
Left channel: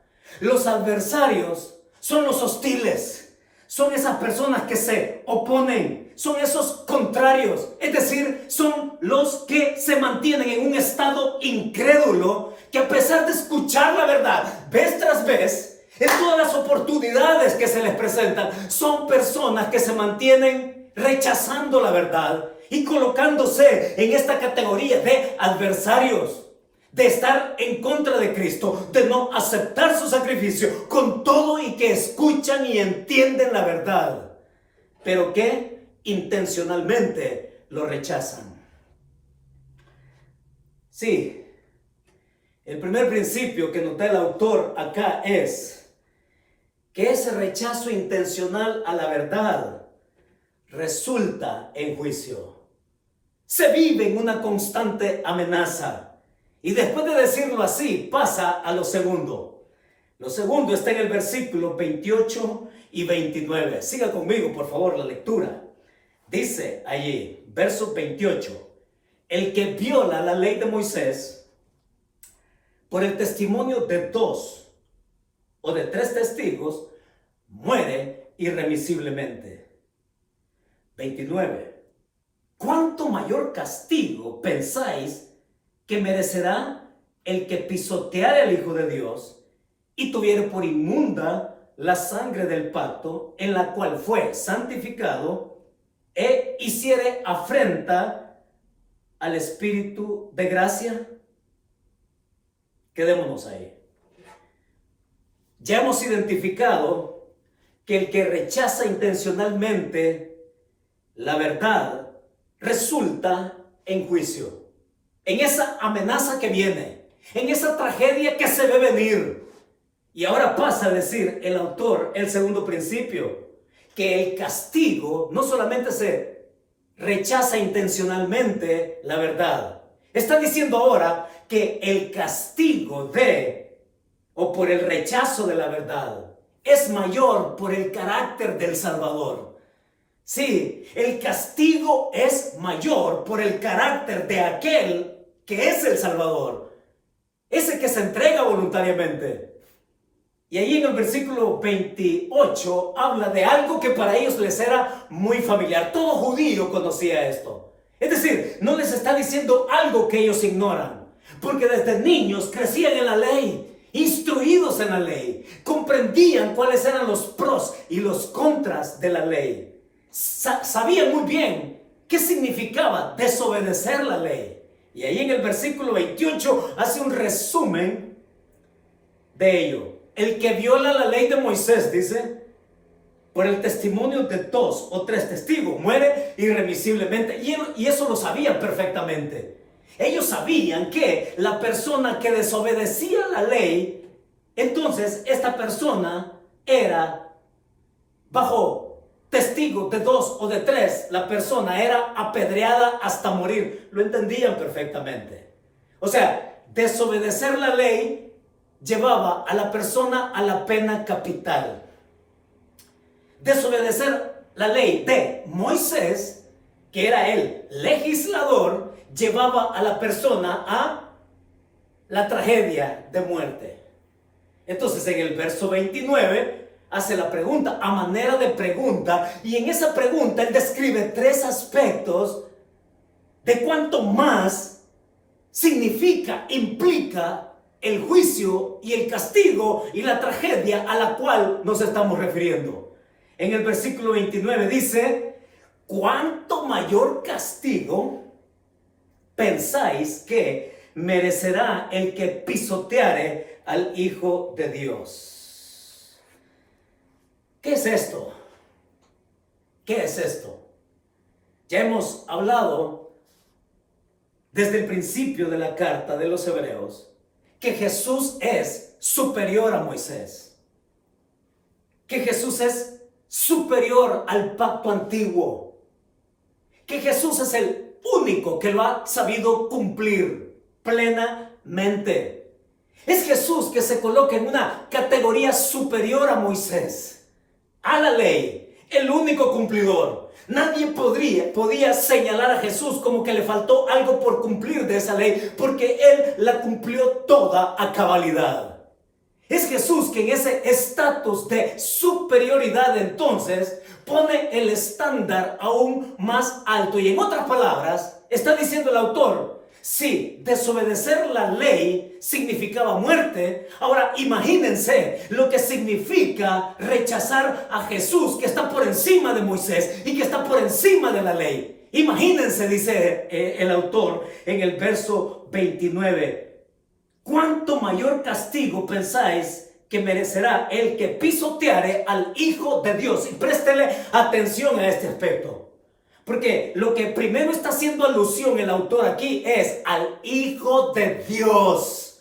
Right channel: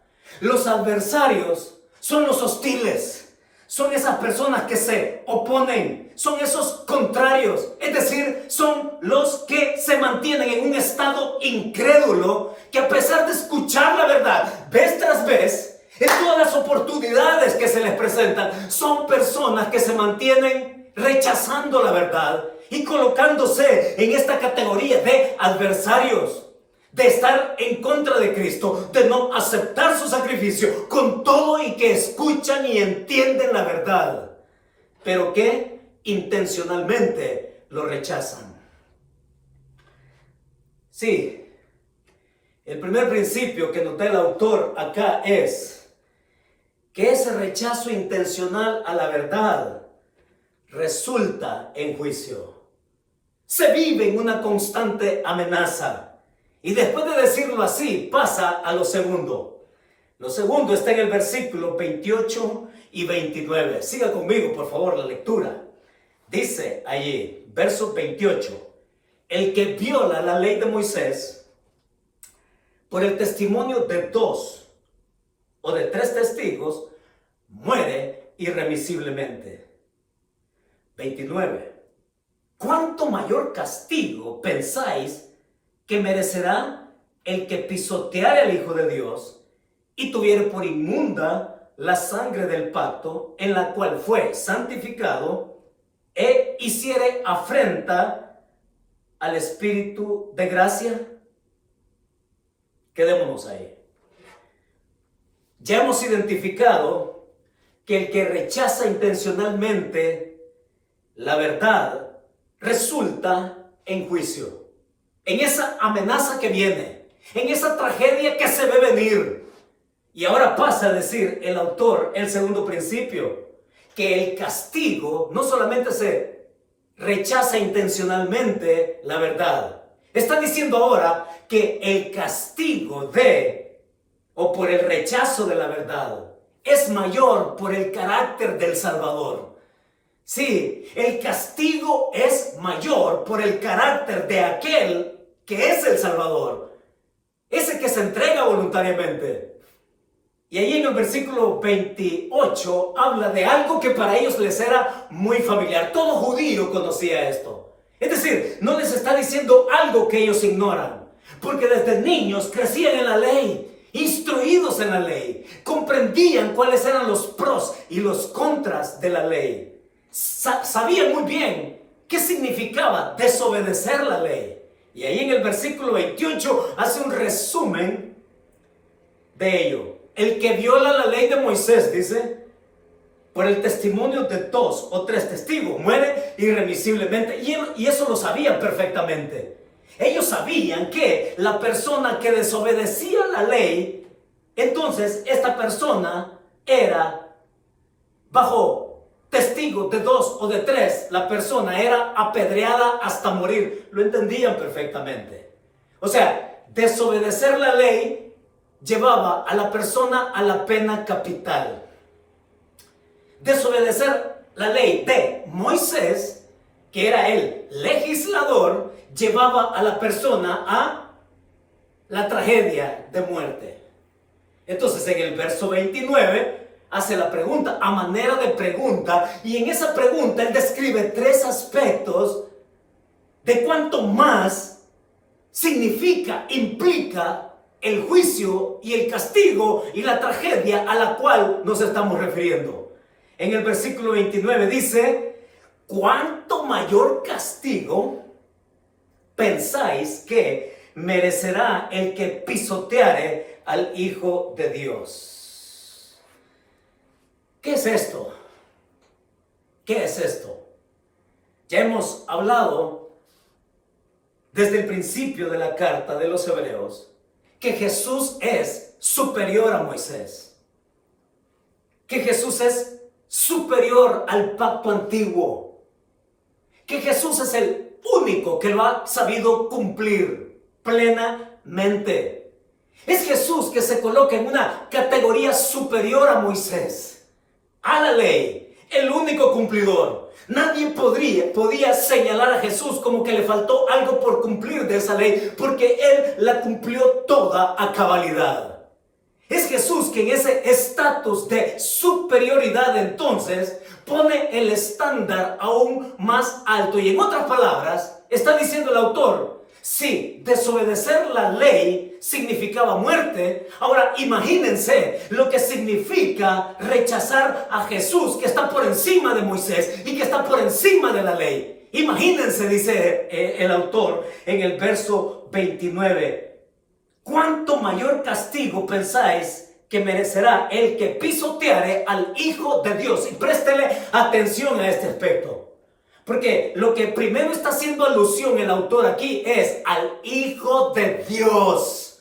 Los adversarios son los hostiles, son esas personas que se oponen, son esos contrarios, es decir, son los que se mantienen en un estado incrédulo, que a pesar de escuchar la verdad vez tras vez, en todas las oportunidades que se les presentan, son personas que se mantienen rechazando la verdad y colocándose en esta categoría de adversarios, de estar en contra de Cristo, de no aceptar su sacrificio, con todo y que escuchan y entienden la verdad, pero que intencionalmente lo rechazan. Sí, el primer principio que nota el autor acá es que ese rechazo intencional a la verdad resulta en juicio. Se vive en una constante amenaza. Y después de decirlo así, pasa a lo segundo. Lo segundo está en el versículo 28 y 29. Siga conmigo, por favor, la lectura. Dice allí, verso 28. El que viola la ley de Moisés por el testimonio de 2 o de 3 testigos, muere irremisiblemente. 29. ¿Cuánto mayor castigo pensáis que merecerá el que pisoteare al Hijo de Dios y tuviere por inmunda la sangre del pacto en la cual fue santificado e hiciere afrenta al Espíritu de gracia? Quedémonos ahí. Ya hemos identificado que el que rechaza intencionalmente la verdad resulta en juicio, en esa amenaza que viene, en esa tragedia que se ve venir. Y ahora pasa a decir el autor el segundo principio. que el castigo no solamente se rechaza intencionalmente la verdad. Está diciendo ahora que el castigo o por el rechazo de la verdad es mayor por el carácter del Salvador. Sí, el castigo es mayor por el carácter de aquel que es el Salvador, ese que se entrega voluntariamente. Y ahí en el versículo 28 habla de algo que para ellos les era muy familiar. Todo judío conocía esto. Es decir, no les está diciendo algo que ellos ignoran, porque desde niños crecían en la ley, instruidos en la ley, comprendían cuáles eran los pros y los contras de la ley. Sabían muy bien qué significaba desobedecer la ley. Y ahí en el versículo 28 hace un resumen de ello. El que viola la ley de Moisés, dice, por el testimonio de 2 o 3 testigos, muere irremisiblemente. Y eso lo sabían perfectamente. Ellos sabían que la persona que desobedecía la ley, entonces esta persona era bajo testigo de 2 o de 3, la persona era apedreada hasta morir. Lo entendían perfectamente. O sea, desobedecer la ley llevaba a la persona a la pena capital. Desobedecer la ley de Moisés, que era el legislador, llevaba a la persona a la tragedia de muerte. Entonces en el verso 29 hace la pregunta, a manera de pregunta, y en esa pregunta él describe 3 aspectos de cuánto más implica el juicio y el castigo y la tragedia a la cual nos estamos refiriendo. En el versículo 29 dice, ¿cuánto mayor castigo pensáis que merecerá el que pisoteare al Hijo de Dios? ¿Qué es esto? ¿Qué es esto? Ya hemos hablado desde el principio de la carta de los Hebreos que Jesús es superior a Moisés, que Jesús es superior al pacto antiguo, que Jesús es el único que lo ha sabido cumplir plenamente. Es Jesús que se coloca en una categoría superior a Moisés, a la ley, el único cumplidor. Nadie podía señalar a Jesús como que le faltó algo por cumplir de esa ley, porque Él la cumplió toda a cabalidad. Es Jesús que en ese estatus de superioridad entonces pone el estándar aún más alto. Y en otras palabras, está diciendo el autor, si desobedecer la ley significaba muerte, ahora imagínense lo que significa rechazar a Jesús, que está por encima de Moisés y que está por encima de la ley. Imagínense, dice el autor en el verso 29, ¿cuánto mayor castigo pensáis que merecerá el que pisoteare al Hijo de Dios? Y préstele atención a este aspecto. Porque lo que primero está haciendo alusión el autor aquí es al Hijo de Dios.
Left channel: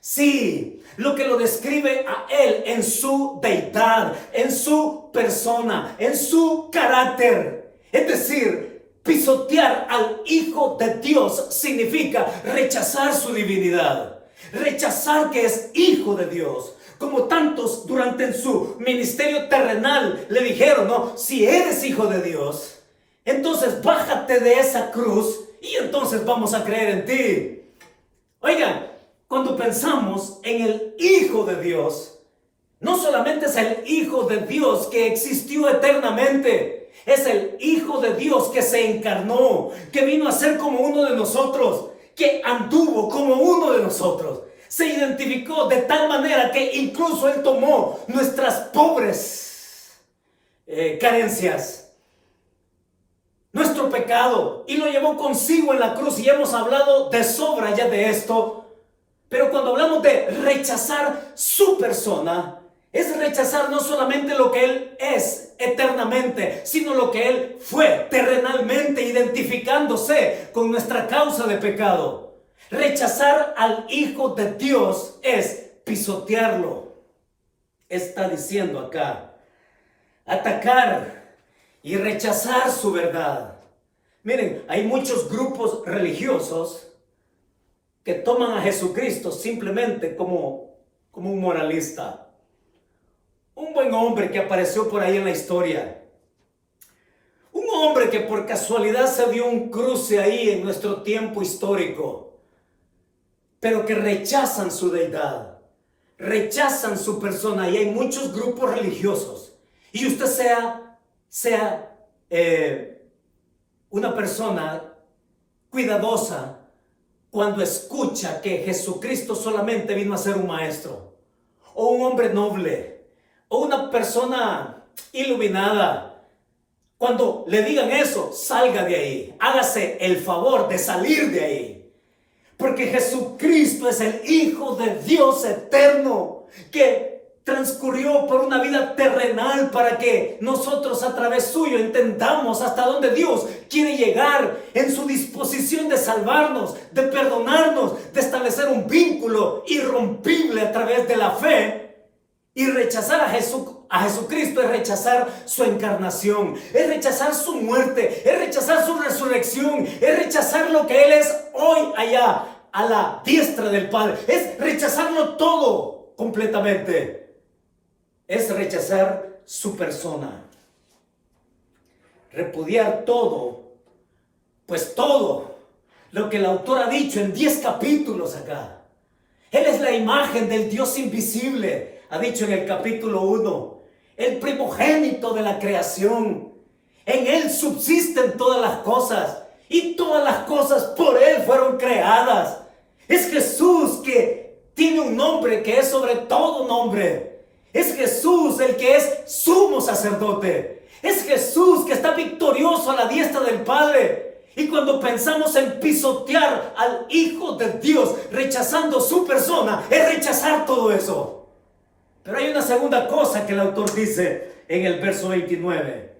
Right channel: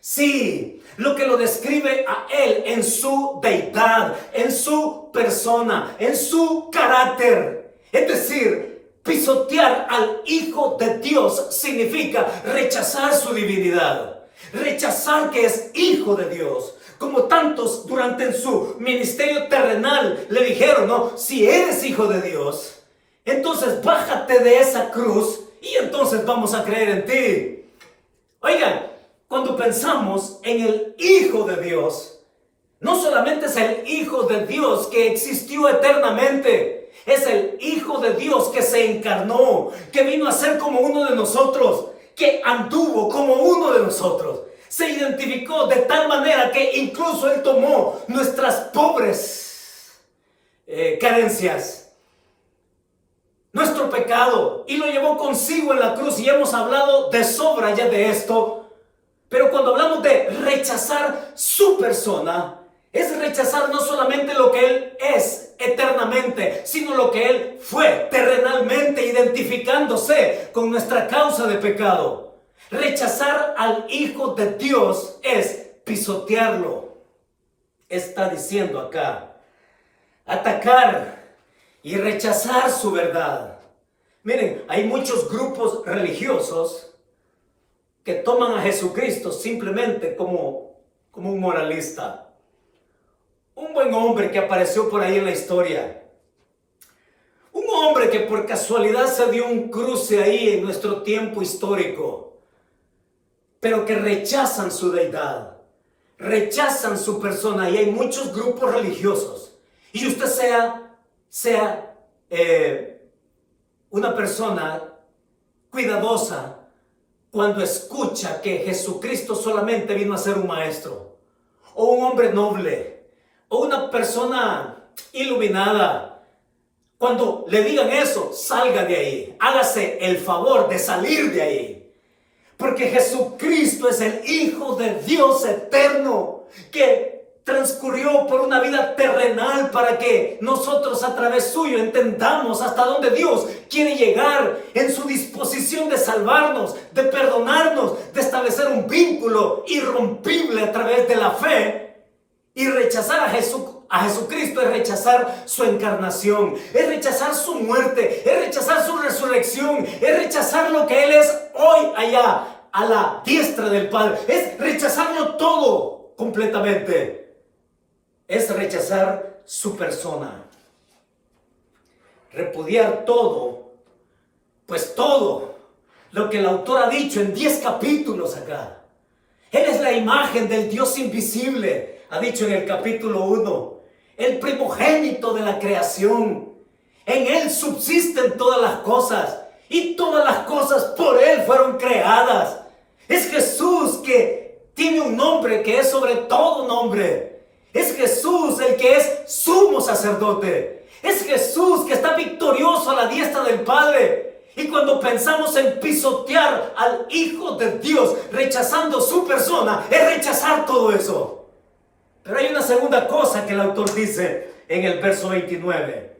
Sí, lo que lo describe a Él en su deidad, en su persona, en su carácter. Es decir, pisotear al Hijo de Dios significa rechazar su divinidad, rechazar que es Hijo de Dios. Como tantos durante su ministerio terrenal le dijeron, no, si eres Hijo de Dios, entonces bájate de esa cruz y entonces vamos a creer en ti. Oigan, cuando pensamos en el Hijo de Dios, no solamente es el Hijo de Dios que existió eternamente, es el Hijo de Dios que se encarnó, que vino a ser como uno de nosotros, que anduvo como uno de nosotros. Se identificó de tal manera que incluso Él tomó nuestras pobres carencias, nuestro pecado, y lo llevó consigo en la cruz. Y hemos hablado de sobra ya de esto. Pero cuando hablamos de rechazar su persona, es rechazar no solamente lo que Él es eternamente, sino lo que Él fue terrenalmente, identificándose con nuestra causa de pecado. Rechazar al Hijo de Dios es pisotearlo. Está diciendo acá atacar y rechazar su verdad. Miren, hay muchos grupos religiosos que toman a Jesucristo simplemente como un moralista, un buen hombre que apareció por ahí en la historia, un hombre que por casualidad se dio un cruce ahí en nuestro tiempo histórico, pero que rechazan su deidad, rechazan su persona. Y hay muchos grupos religiosos, y usted sea una persona cuidadosa cuando escucha que Jesucristo solamente vino a ser un maestro, o un hombre noble, o una persona iluminada. Cuando le digan eso, salga de ahí, hágase el favor de salir de ahí, porque Jesucristo es el Hijo de Dios eterno, que transcurrió por una vida terrenal para que nosotros a través suyo entendamos hasta dónde Dios quiere llegar en su disposición de salvarnos, de perdonarnos, de establecer un vínculo irrompible a través de la fe. Y rechazar a Jesucristo es rechazar su encarnación, es rechazar su muerte, es rechazar su resurrección, es rechazar lo que Él es hoy allá a la diestra del Padre, es rechazarlo todo completamente. Es rechazar su persona, repudiar todo, pues todo lo que el autor ha dicho en 10 capítulos acá. Él es la imagen del Dios invisible, ha dicho en el capítulo 1, el primogénito de la creación. En Él subsisten todas las cosas, y todas las cosas por Él fueron creadas. Es Jesús que tiene un nombre que es sobre todo nombre. Es Jesús el que es sumo sacerdote. Es Jesús que está victorioso a la diestra del Padre. Y cuando pensamos en pisotear al Hijo de Dios, rechazando su persona, es rechazar todo eso. Pero hay una segunda cosa que el autor dice en el verso 29.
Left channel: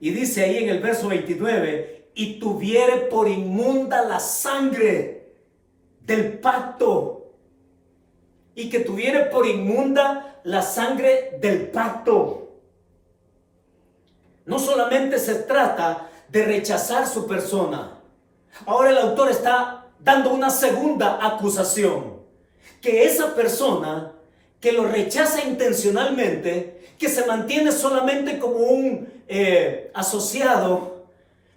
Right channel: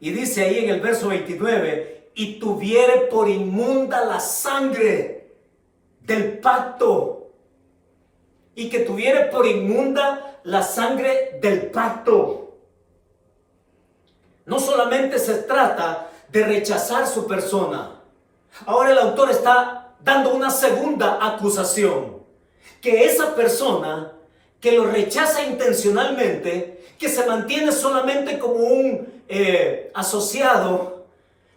Y dice ahí en el verso 29, y tuviere por inmunda la sangre del pacto. Y que tuviere por inmunda la sangre del pacto. No solamente se trata de rechazar su persona. Ahora el autor está dando una segunda acusación. Que esa persona que lo rechaza intencionalmente, que se mantiene solamente como un asociado,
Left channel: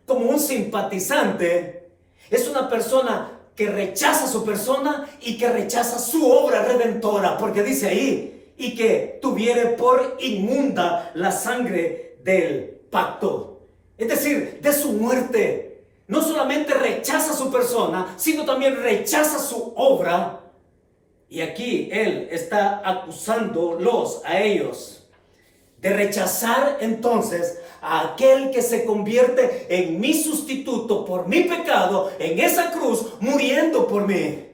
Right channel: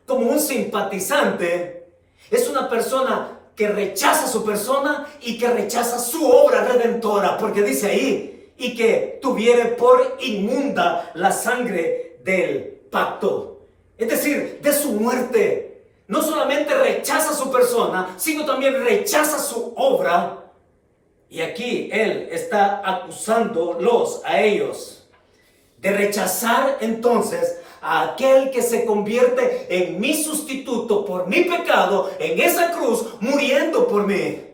como un simpatizante, es una persona que rechaza su persona y que rechaza su obra redentora, porque dice ahí, y que tuviere por inmunda la sangre del pacto, es decir, de su muerte. No solamente rechaza su persona, sino también rechaza su obra. Y aquí él está acusándolos a ellos de rechazar entonces a aquel que se convierte en mi sustituto por mi pecado, en esa cruz, muriendo por mí.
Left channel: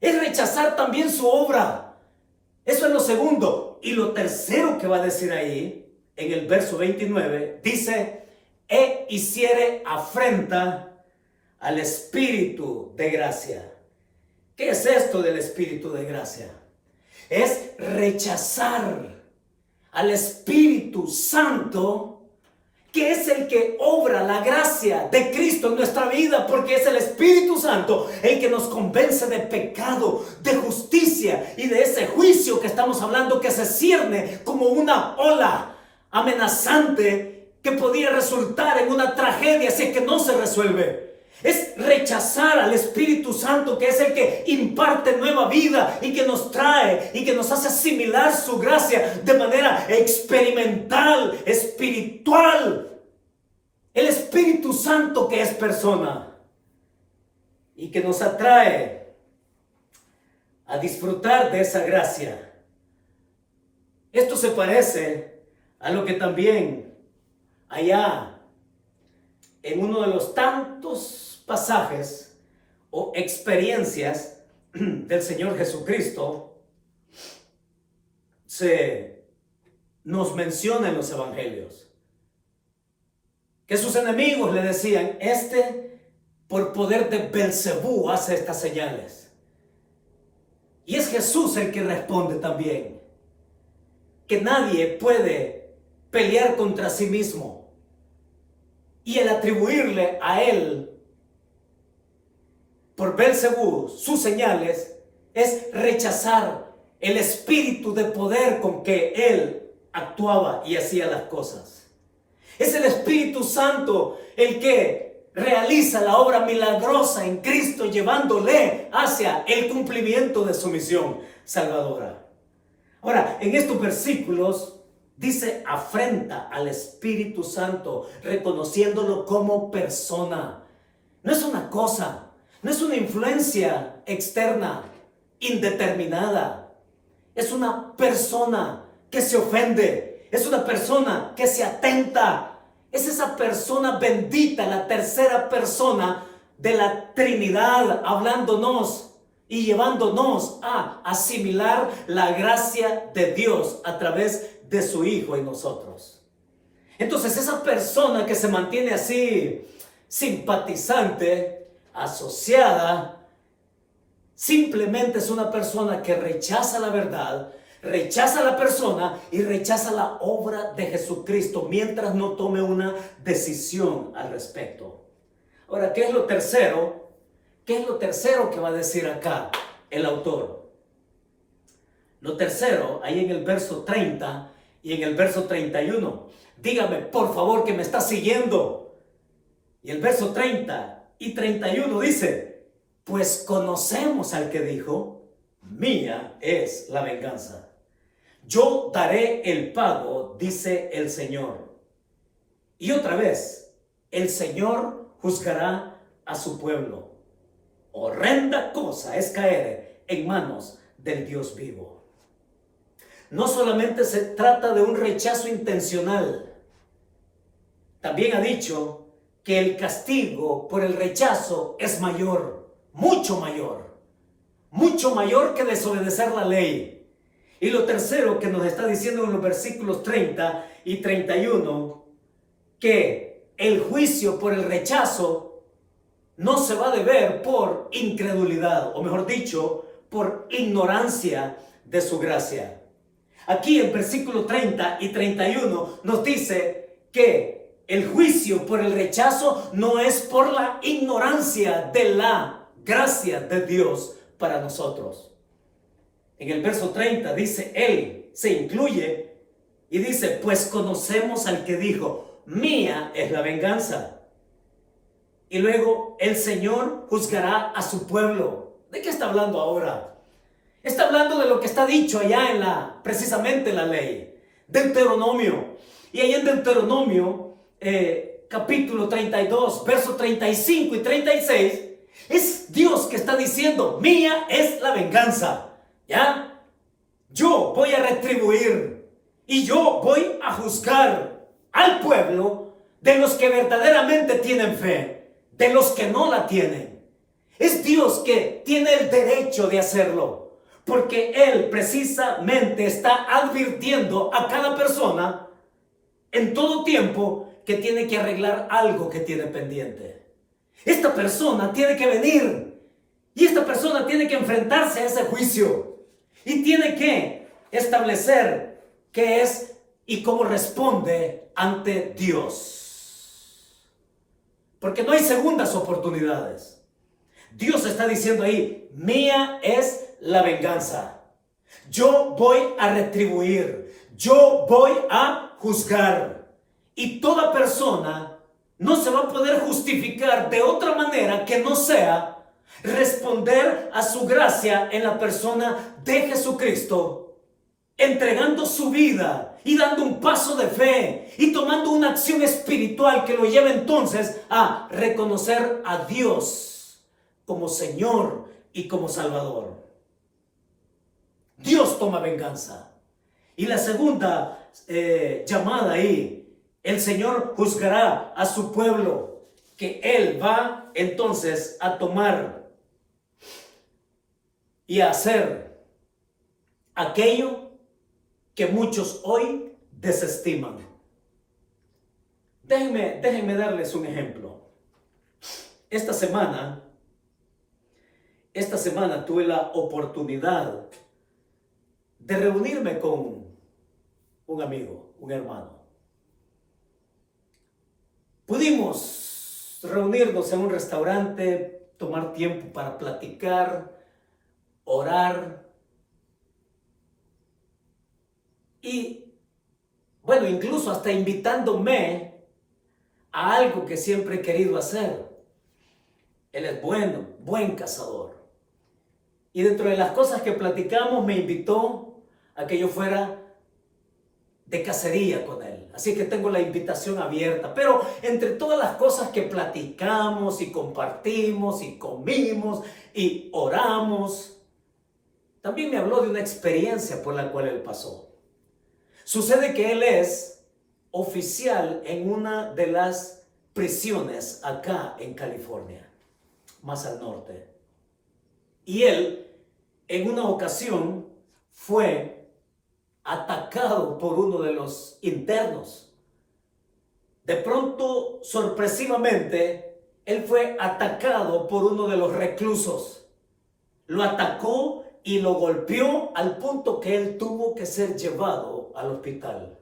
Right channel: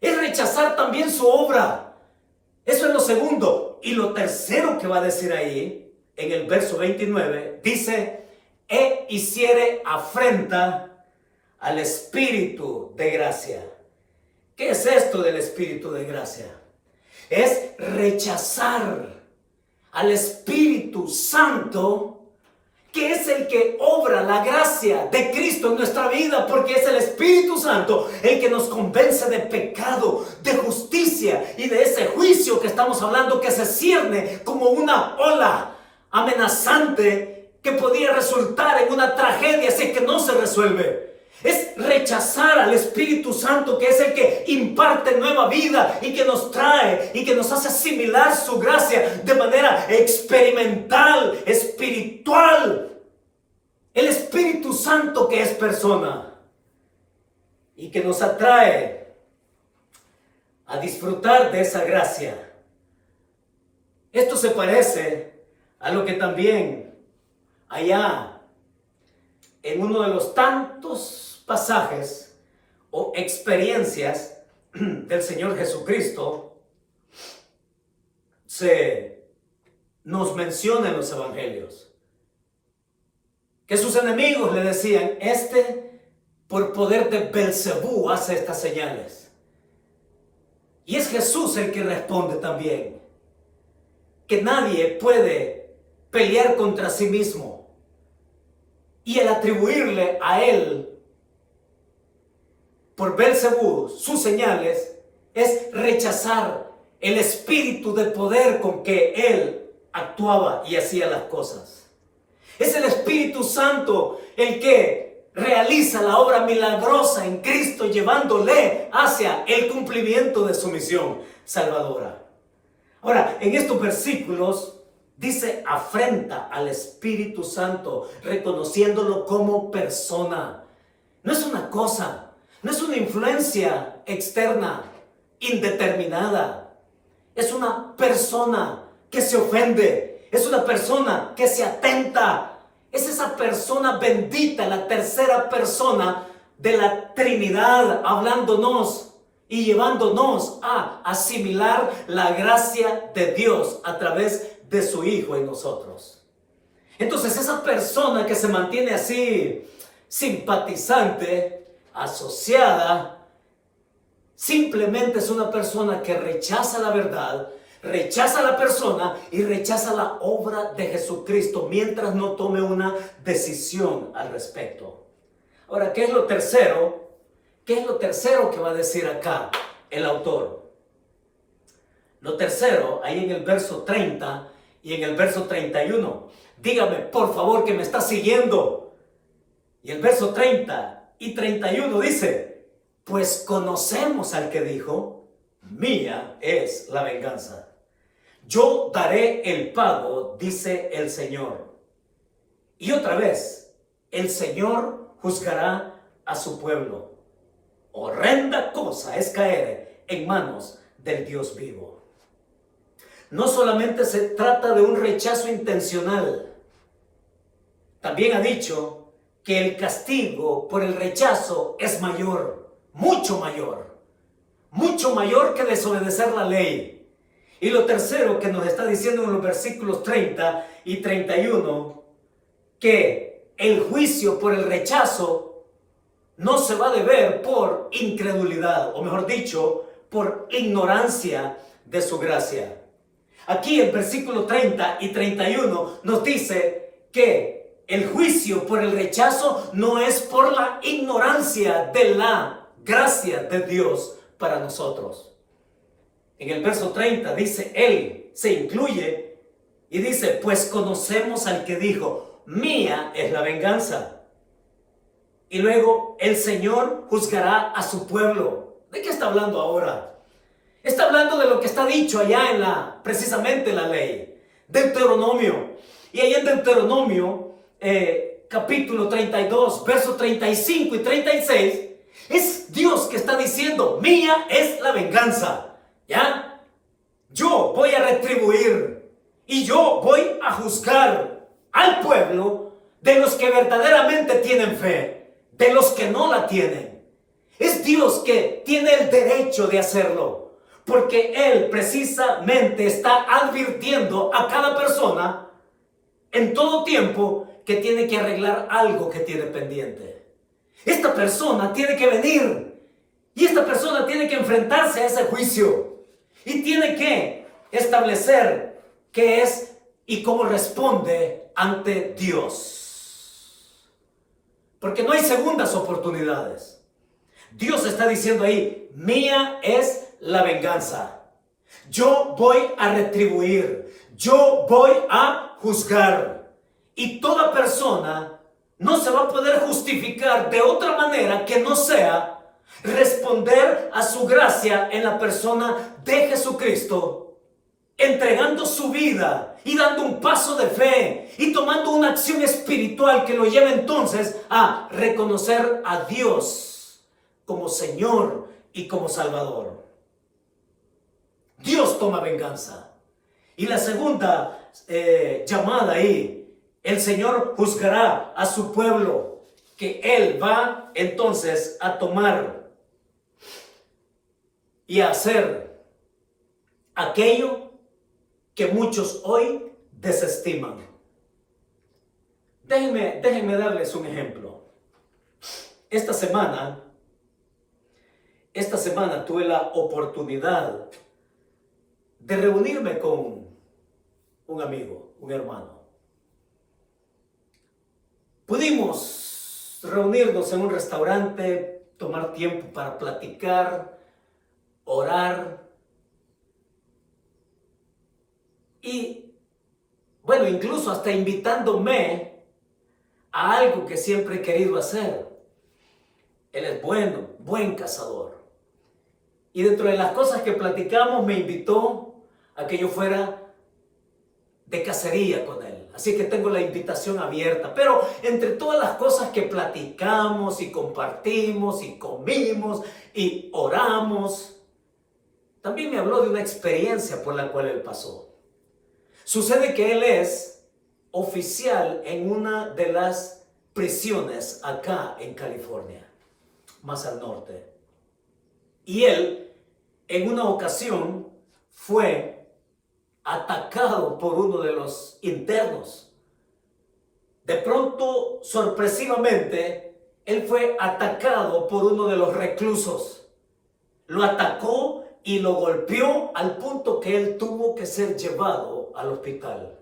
Es rechazar también su obra. Eso es lo segundo. Y lo tercero que va a decir ahí, en el verso 29, dice, e hiciere afrenta al Espíritu de gracia. ¿Qué es esto del Espíritu de gracia? Es rechazar al Espíritu Santo, que es el que obra la gracia de Cristo en nuestra vida, porque es el Espíritu Santo el que nos convence de pecado, de justicia y de ese juicio que estamos hablando, que se cierne como una ola amenazante que podría resultar en una tragedia si es que no se resuelve. Es rechazar al Espíritu Santo, que es el que imparte nueva vida y que nos trae y que nos hace asimilar su gracia de manera experimental, espiritual. El Espíritu Santo que es persona y que nos atrae a disfrutar de esa gracia. Esto se parece a lo que también allá en uno de los tantos pasajes o experiencias del Señor Jesucristo se nos menciona en los evangelios, que sus enemigos le decían, por poder de Belcebú hace estas señales. Y es Jesús el que responde también, que nadie puede pelear contra sí mismo. Y el atribuirle a él, por Belcebú, sus señales, es rechazar el espíritu de poder con que él actuaba y hacía las cosas. Es el Espíritu Santo el que realiza la obra milagrosa en Cristo, llevándole hacia el cumplimiento de su misión salvadora. Ahora, en estos versículos dice: afrenta al Espíritu Santo, reconociéndolo como persona. No es una cosa, no es una influencia externa, indeterminada. Es una persona que se ofende, es una persona que se atenta. Es esa persona bendita, la tercera persona de la Trinidad, hablándonos y llevándonos a asimilar la gracia de Dios a través de su Hijo en nosotros. Entonces, esa persona que se mantiene así, simpatizante, asociada, simplemente es una persona que rechaza la verdad, rechaza a la persona y rechaza la obra de Jesucristo mientras no tome una decisión al respecto. Ahora, ¿qué es lo tercero? ¿Qué es lo tercero que va a decir acá el autor? Lo tercero, ahí en el verso 30 y en el verso 31. Dígame, por favor, que me está siguiendo. Y el verso 30 y 31 dice: pues conocemos al que dijo: mía es la venganza, yo daré el pago, dice el Señor. Y otra vez, el Señor juzgará a su pueblo. Horrenda cosa es caer en manos del Dios vivo. No solamente se trata de un rechazo intencional, también ha dicho que el castigo por el rechazo es mayor, mucho mayor que desobedecer la ley. Y lo tercero que nos está diciendo en los versículos 30 y 31, que el juicio por el rechazo no se va a deber por incredulidad, o mejor dicho, por ignorancia de su gracia. Aquí el versículo 30 y 31 nos dice que el juicio por el rechazo no es por la ignorancia de la gracia de Dios para nosotros. En el verso 30 dice: él se incluye y dice: pues conocemos al que dijo: mía es la venganza. Y luego el Señor juzgará a su pueblo. ¿De qué está hablando ahora? Está hablando de lo que está dicho allá precisamente en la ley, Deuteronomio. Y allá en Deuteronomio, capítulo 32, versos 35 y 36, es Dios que está diciendo: mía es la venganza. ¿Ya? Yo voy a retribuir y yo voy a juzgar al pueblo de los que verdaderamente tienen fe, de los que no la tienen. Es Dios que tiene el derecho de hacerlo, porque Él precisamente está advirtiendo a cada persona en todo tiempo que tiene que arreglar algo que tiene pendiente. Esta persona tiene que venir y esta persona tiene que enfrentarse a ese juicio y tiene que establecer qué es y cómo responde ante Dios. Porque no hay segundas oportunidades. Dios está diciendo ahí: mía es la venganza. Yo voy a retribuir. Yo voy a juzgar. Y toda persona no se va a poder justificar de otra manera que no sea responder a su gracia en la persona de Jesucristo, entregando su vida y dando un paso de fe y tomando una acción espiritual que lo lleve entonces a reconocer a Dios como Señor y como Salvador. Dios toma venganza. Y la segunda llamada ahí: el Señor juzgará a su pueblo, que Él va entonces a tomar y a hacer aquello que muchos hoy desestiman. Déjenme darles un ejemplo. Esta semana tuve la oportunidad de reunirme con un amigo, un hermano. Pudimos reunirnos en un restaurante, tomar tiempo para platicar, orar y, bueno, incluso hasta invitándome a algo que siempre he querido hacer. Él es bueno, buen cazador. Y dentro de las cosas que platicamos me invitó a que yo fuera de cacería con él. Así que tengo la invitación abierta. Pero entre todas las cosas que platicamos y compartimos y comimos y oramos, también me habló de una experiencia por la cual él pasó. Sucede que él es oficial en una de las prisiones acá en California, más al norte. Y él, en una ocasión, fue atacado por uno de los internos. De pronto, sorpresivamente, él fue atacado por uno de los reclusos. Lo atacó y lo golpeó al punto que él tuvo que ser llevado al hospital.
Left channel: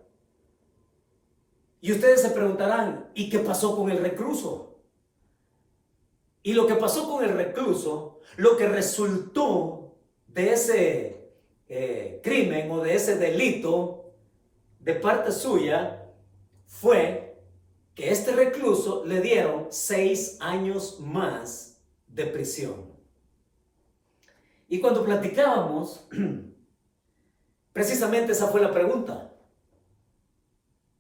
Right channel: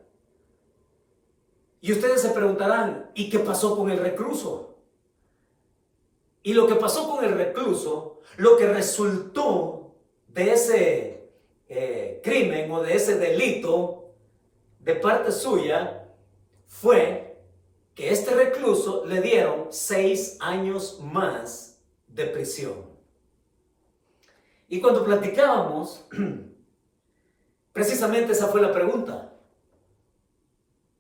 Y ustedes se preguntarán, ¿y qué pasó con el recluso? Y lo que pasó con el recluso, lo que resultó de ese crimen o de ese delito de parte suya fue que este recluso le dieron 6 años más de prisión. Y cuando platicábamos, precisamente esa fue la pregunta.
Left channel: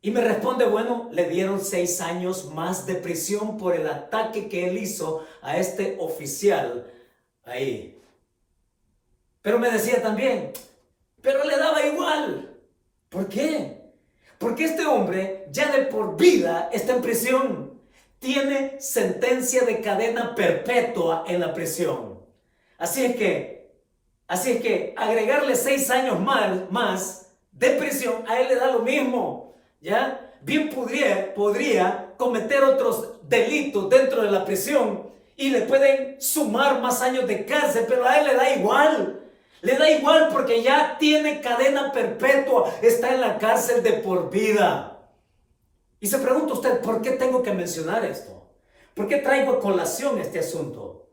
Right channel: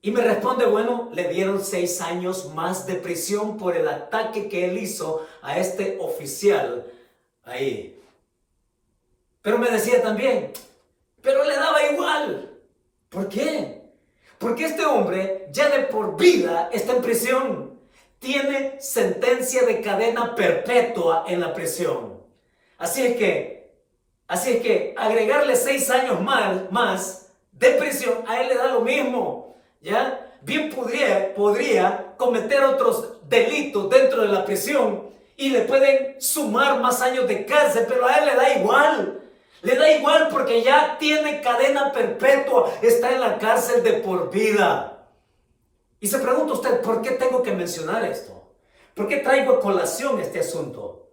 Y me responde, bueno, le dieron 6 años más de prisión por el ataque que él hizo a este oficial ahí. Pero me decía también, pero le daba igual. ¿Por qué? Porque este hombre ya de por vida está en prisión. Tiene sentencia de cadena perpetua en la prisión. Así es que agregarle 6 años más de prisión, a él le da lo mismo. ¿Ya? Bien podría cometer otros delitos dentro de la prisión y le pueden sumar más años de cárcel, pero a él le da igual. Le da igual porque ya tiene cadena perpetua, está en la cárcel de por vida. Y se pregunta usted, ¿por qué tengo que mencionar esto? ¿Por qué traigo a colación este asunto?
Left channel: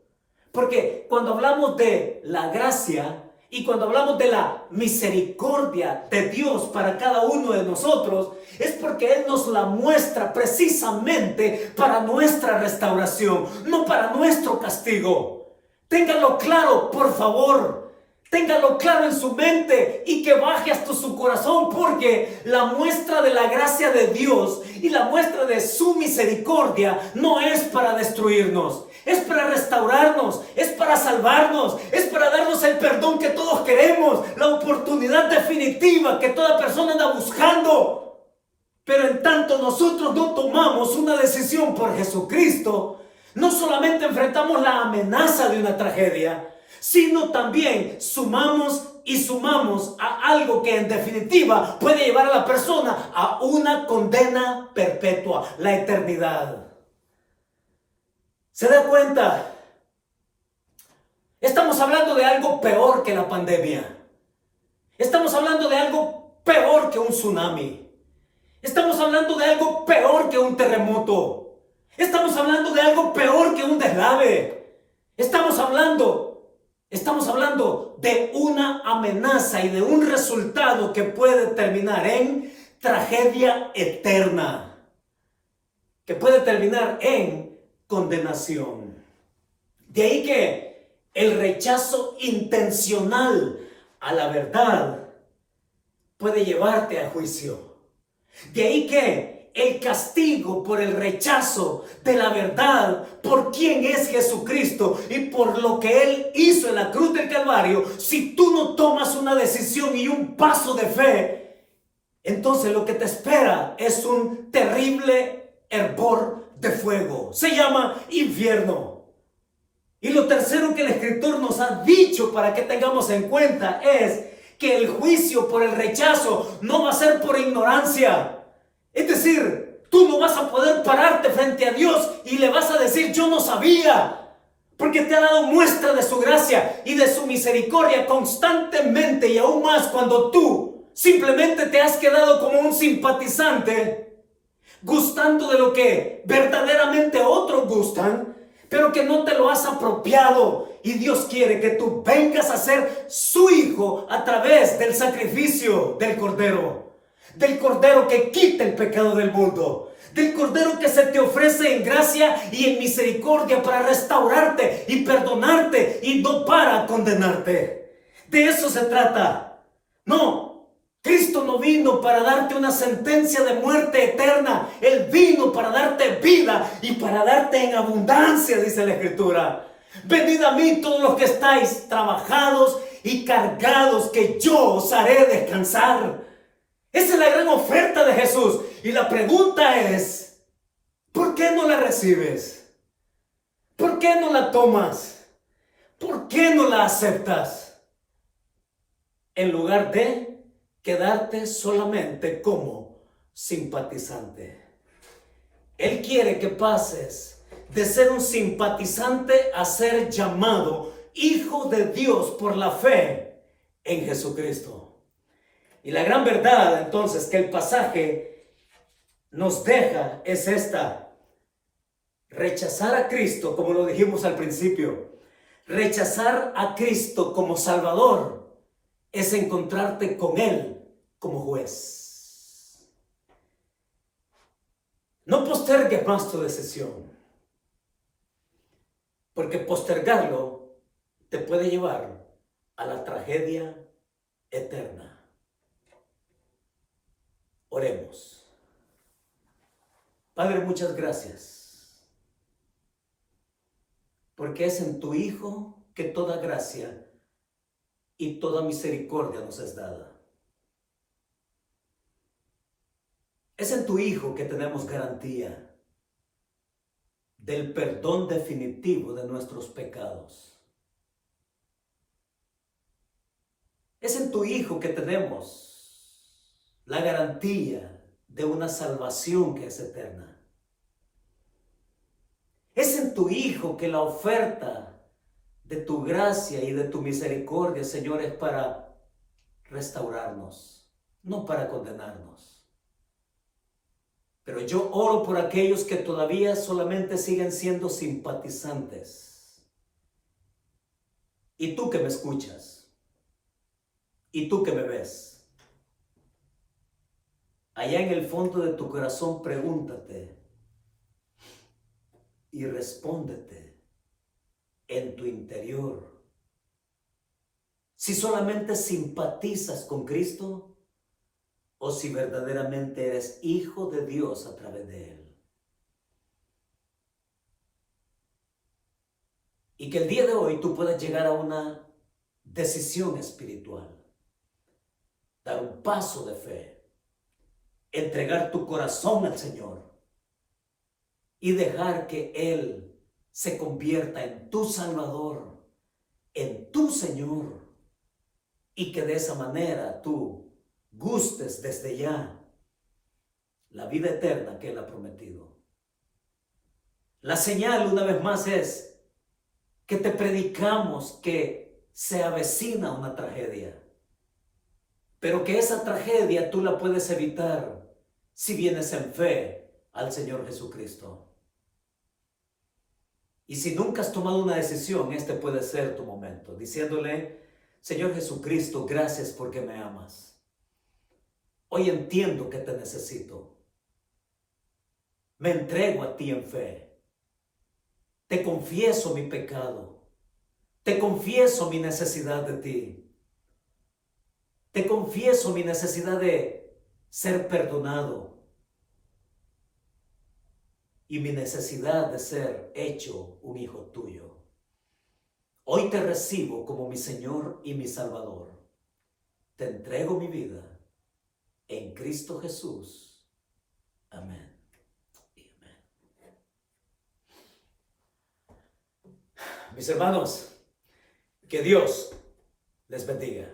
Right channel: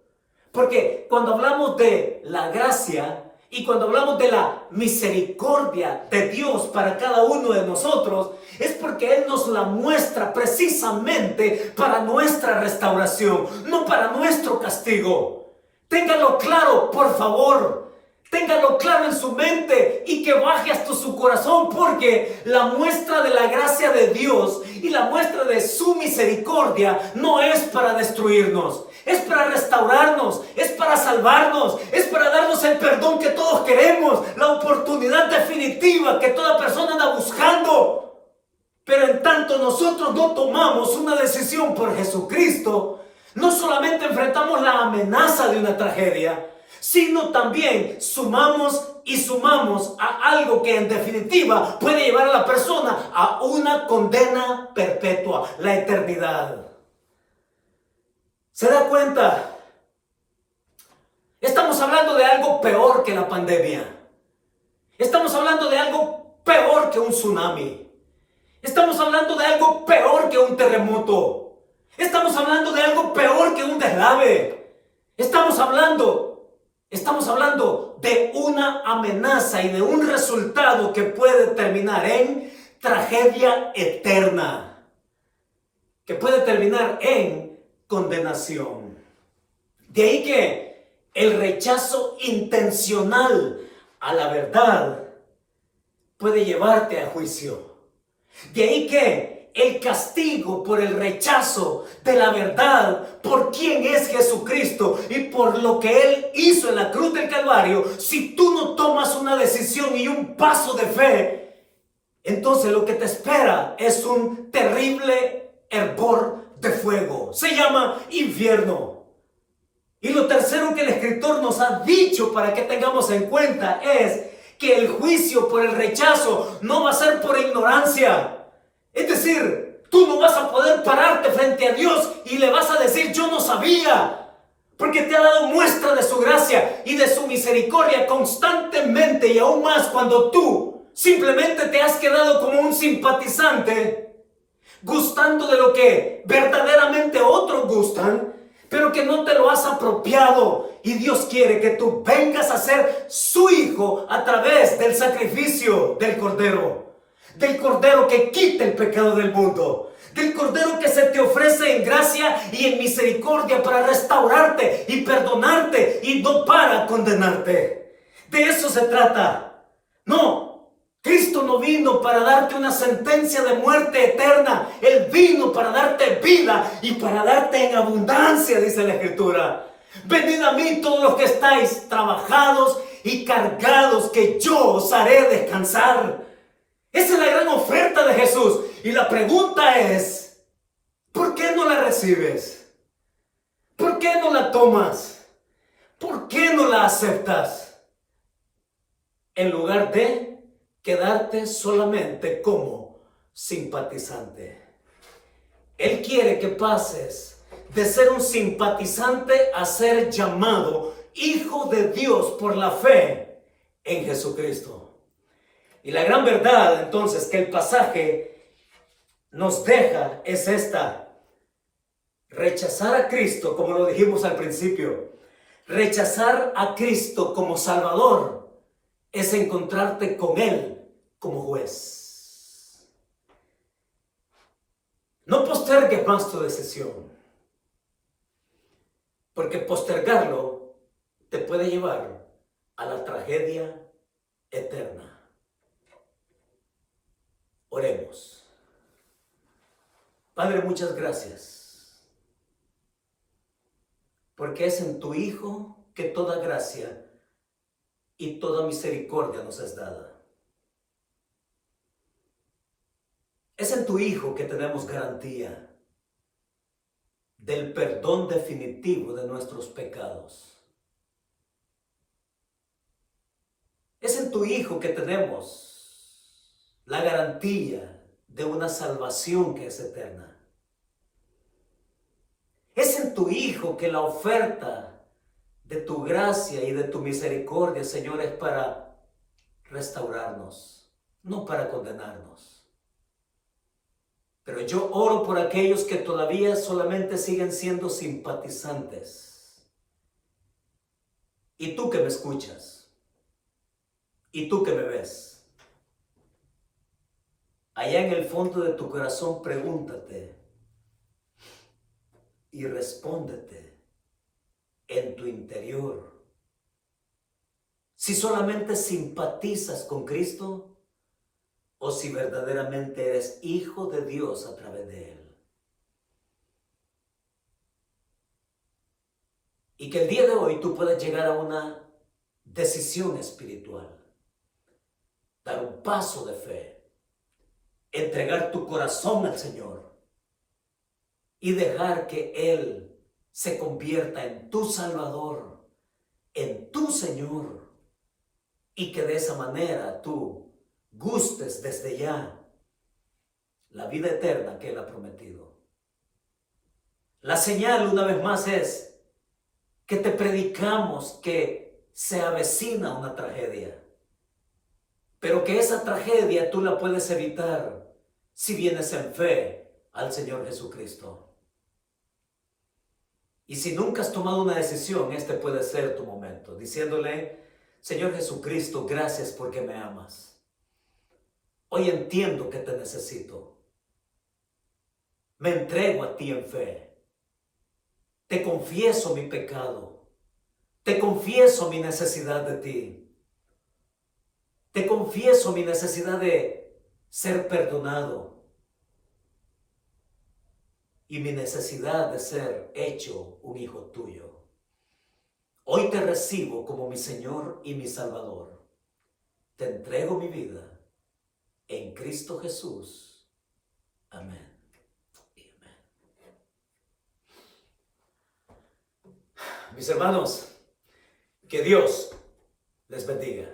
Porque cuando hablamos de la gracia y cuando hablamos de la misericordia de Dios para cada uno de nosotros, es porque Él nos la muestra precisamente para nuestra restauración, no para nuestro castigo. Téngalo claro, por favor. Téngalo claro en su mente y que baje hasta su corazón, porque la muestra de la gracia de Dios y la muestra de su misericordia no es para destruirnos, es para restaurarnos, es para salvarnos, es para darnos el perdón que todos queremos, la oportunidad definitiva que toda persona anda buscando. Pero en tanto nosotros no tomamos una decisión por Jesucristo, no solamente enfrentamos la amenaza de una tragedia, sino también sumamos a algo que en definitiva puede llevar a la persona a una condena perpetua, la eternidad. ¿Se da cuenta? Estamos hablando de algo peor que la pandemia. Estamos hablando de algo peor que un tsunami. Estamos hablando de algo peor que un terremoto. Estamos hablando de algo peor que un deslave. Estamos hablando de una amenaza y de un resultado que puede terminar en tragedia eterna, que puede terminar en condenación. De ahí que el rechazo intencional a la verdad puede llevarte a juicio. De ahí que el castigo por el rechazo de la verdad, por quién es Jesucristo y por lo que Él hizo en la cruz del Calvario, si tú no tomas una decisión y un paso de fe, entonces lo que te espera es un terrible hervor de fuego. Se llama infierno. Y lo tercero que el escritor nos ha dicho para que tengamos en cuenta es que el juicio por el rechazo no va a ser por ignorancia. Es decir, tú no vas a poder pararte frente a Dios y le vas a decir, yo no sabía, porque te ha dado muestra de su gracia y de su misericordia constantemente, y aún más cuando tú simplemente te has quedado como un simpatizante. gustando de lo que verdaderamente otros gustan, pero que no te lo has apropiado. Y Dios quiere que tú vengas a ser su hijo a través del sacrificio del Cordero que quita el pecado del mundo, del Cordero que se te ofrece en gracia y en misericordia para restaurarte y perdonarte y no para condenarte. De eso se trata. No, Cristo no vino para darte una sentencia de muerte eterna. Él vino para darte vida y para darte en abundancia, dice la Escritura. Venid a mí todos los que estáis trabajados y cargados, que yo os haré descansar. Esa es la gran oferta de Jesús. Y la pregunta es, ¿por qué no la recibes? ¿Por qué no la tomas? ¿Por qué no la aceptas? En lugar de quedarte solamente como simpatizante. Él quiere que pases de ser un simpatizante a ser llamado hijo de Dios por la fe en Jesucristo. Y la gran verdad entonces que el pasaje nos deja es esta: rechazar a Cristo, como lo dijimos al principio, rechazar a Cristo como Salvador es encontrarte con Él como juez. No postergues más tu decisión, porque postergarlo te puede llevar a la tragedia eterna. Oremos. Padre, muchas gracias, porque es en tu Hijo que toda gracia y toda misericordia nos es dada. Es en tu Hijo que tenemos garantía del perdón definitivo de nuestros pecados. Es en tu Hijo que tenemos la garantía de una salvación que es eterna. Es en tu Hijo que la oferta de tu gracia y de tu misericordia, Señor, es para restaurarnos, no para condenarnos. Pero yo oro por aquellos que todavía solamente siguen siendo simpatizantes. Y tú que me escuchas, y tú que me ves, allá en el fondo de tu corazón pregúntate y respóndete en tu interior si solamente simpatizas con Cristo o si verdaderamente eres hijo de Dios a través de Él. Y que el día de hoy tú puedas llegar a una decisión espiritual, dar un paso de fe, entregar tu corazón al Señor y dejar que Él se convierta en tu Salvador, en tu Señor, y que de esa manera tú gustes desde ya la vida eterna que Él ha prometido. La señal, una vez más, es que te predicamos que se avecina una tragedia, pero que esa tragedia tú la puedes evitar si vienes en fe al Señor Jesucristo. Y si nunca has tomado una decisión, este puede ser tu momento, diciéndole: Señor Jesucristo, gracias porque me amas. Hoy entiendo que te necesito. Me entrego a ti en fe. Te confieso mi pecado. Te confieso mi necesidad de ti. Te confieso mi necesidad de ser perdonado y mi necesidad de ser hecho un hijo tuyo. Hoy te recibo como mi Señor y mi Salvador. Te entrego mi vida en Cristo Jesús. Amén. Mis hermanos, que Dios les bendiga.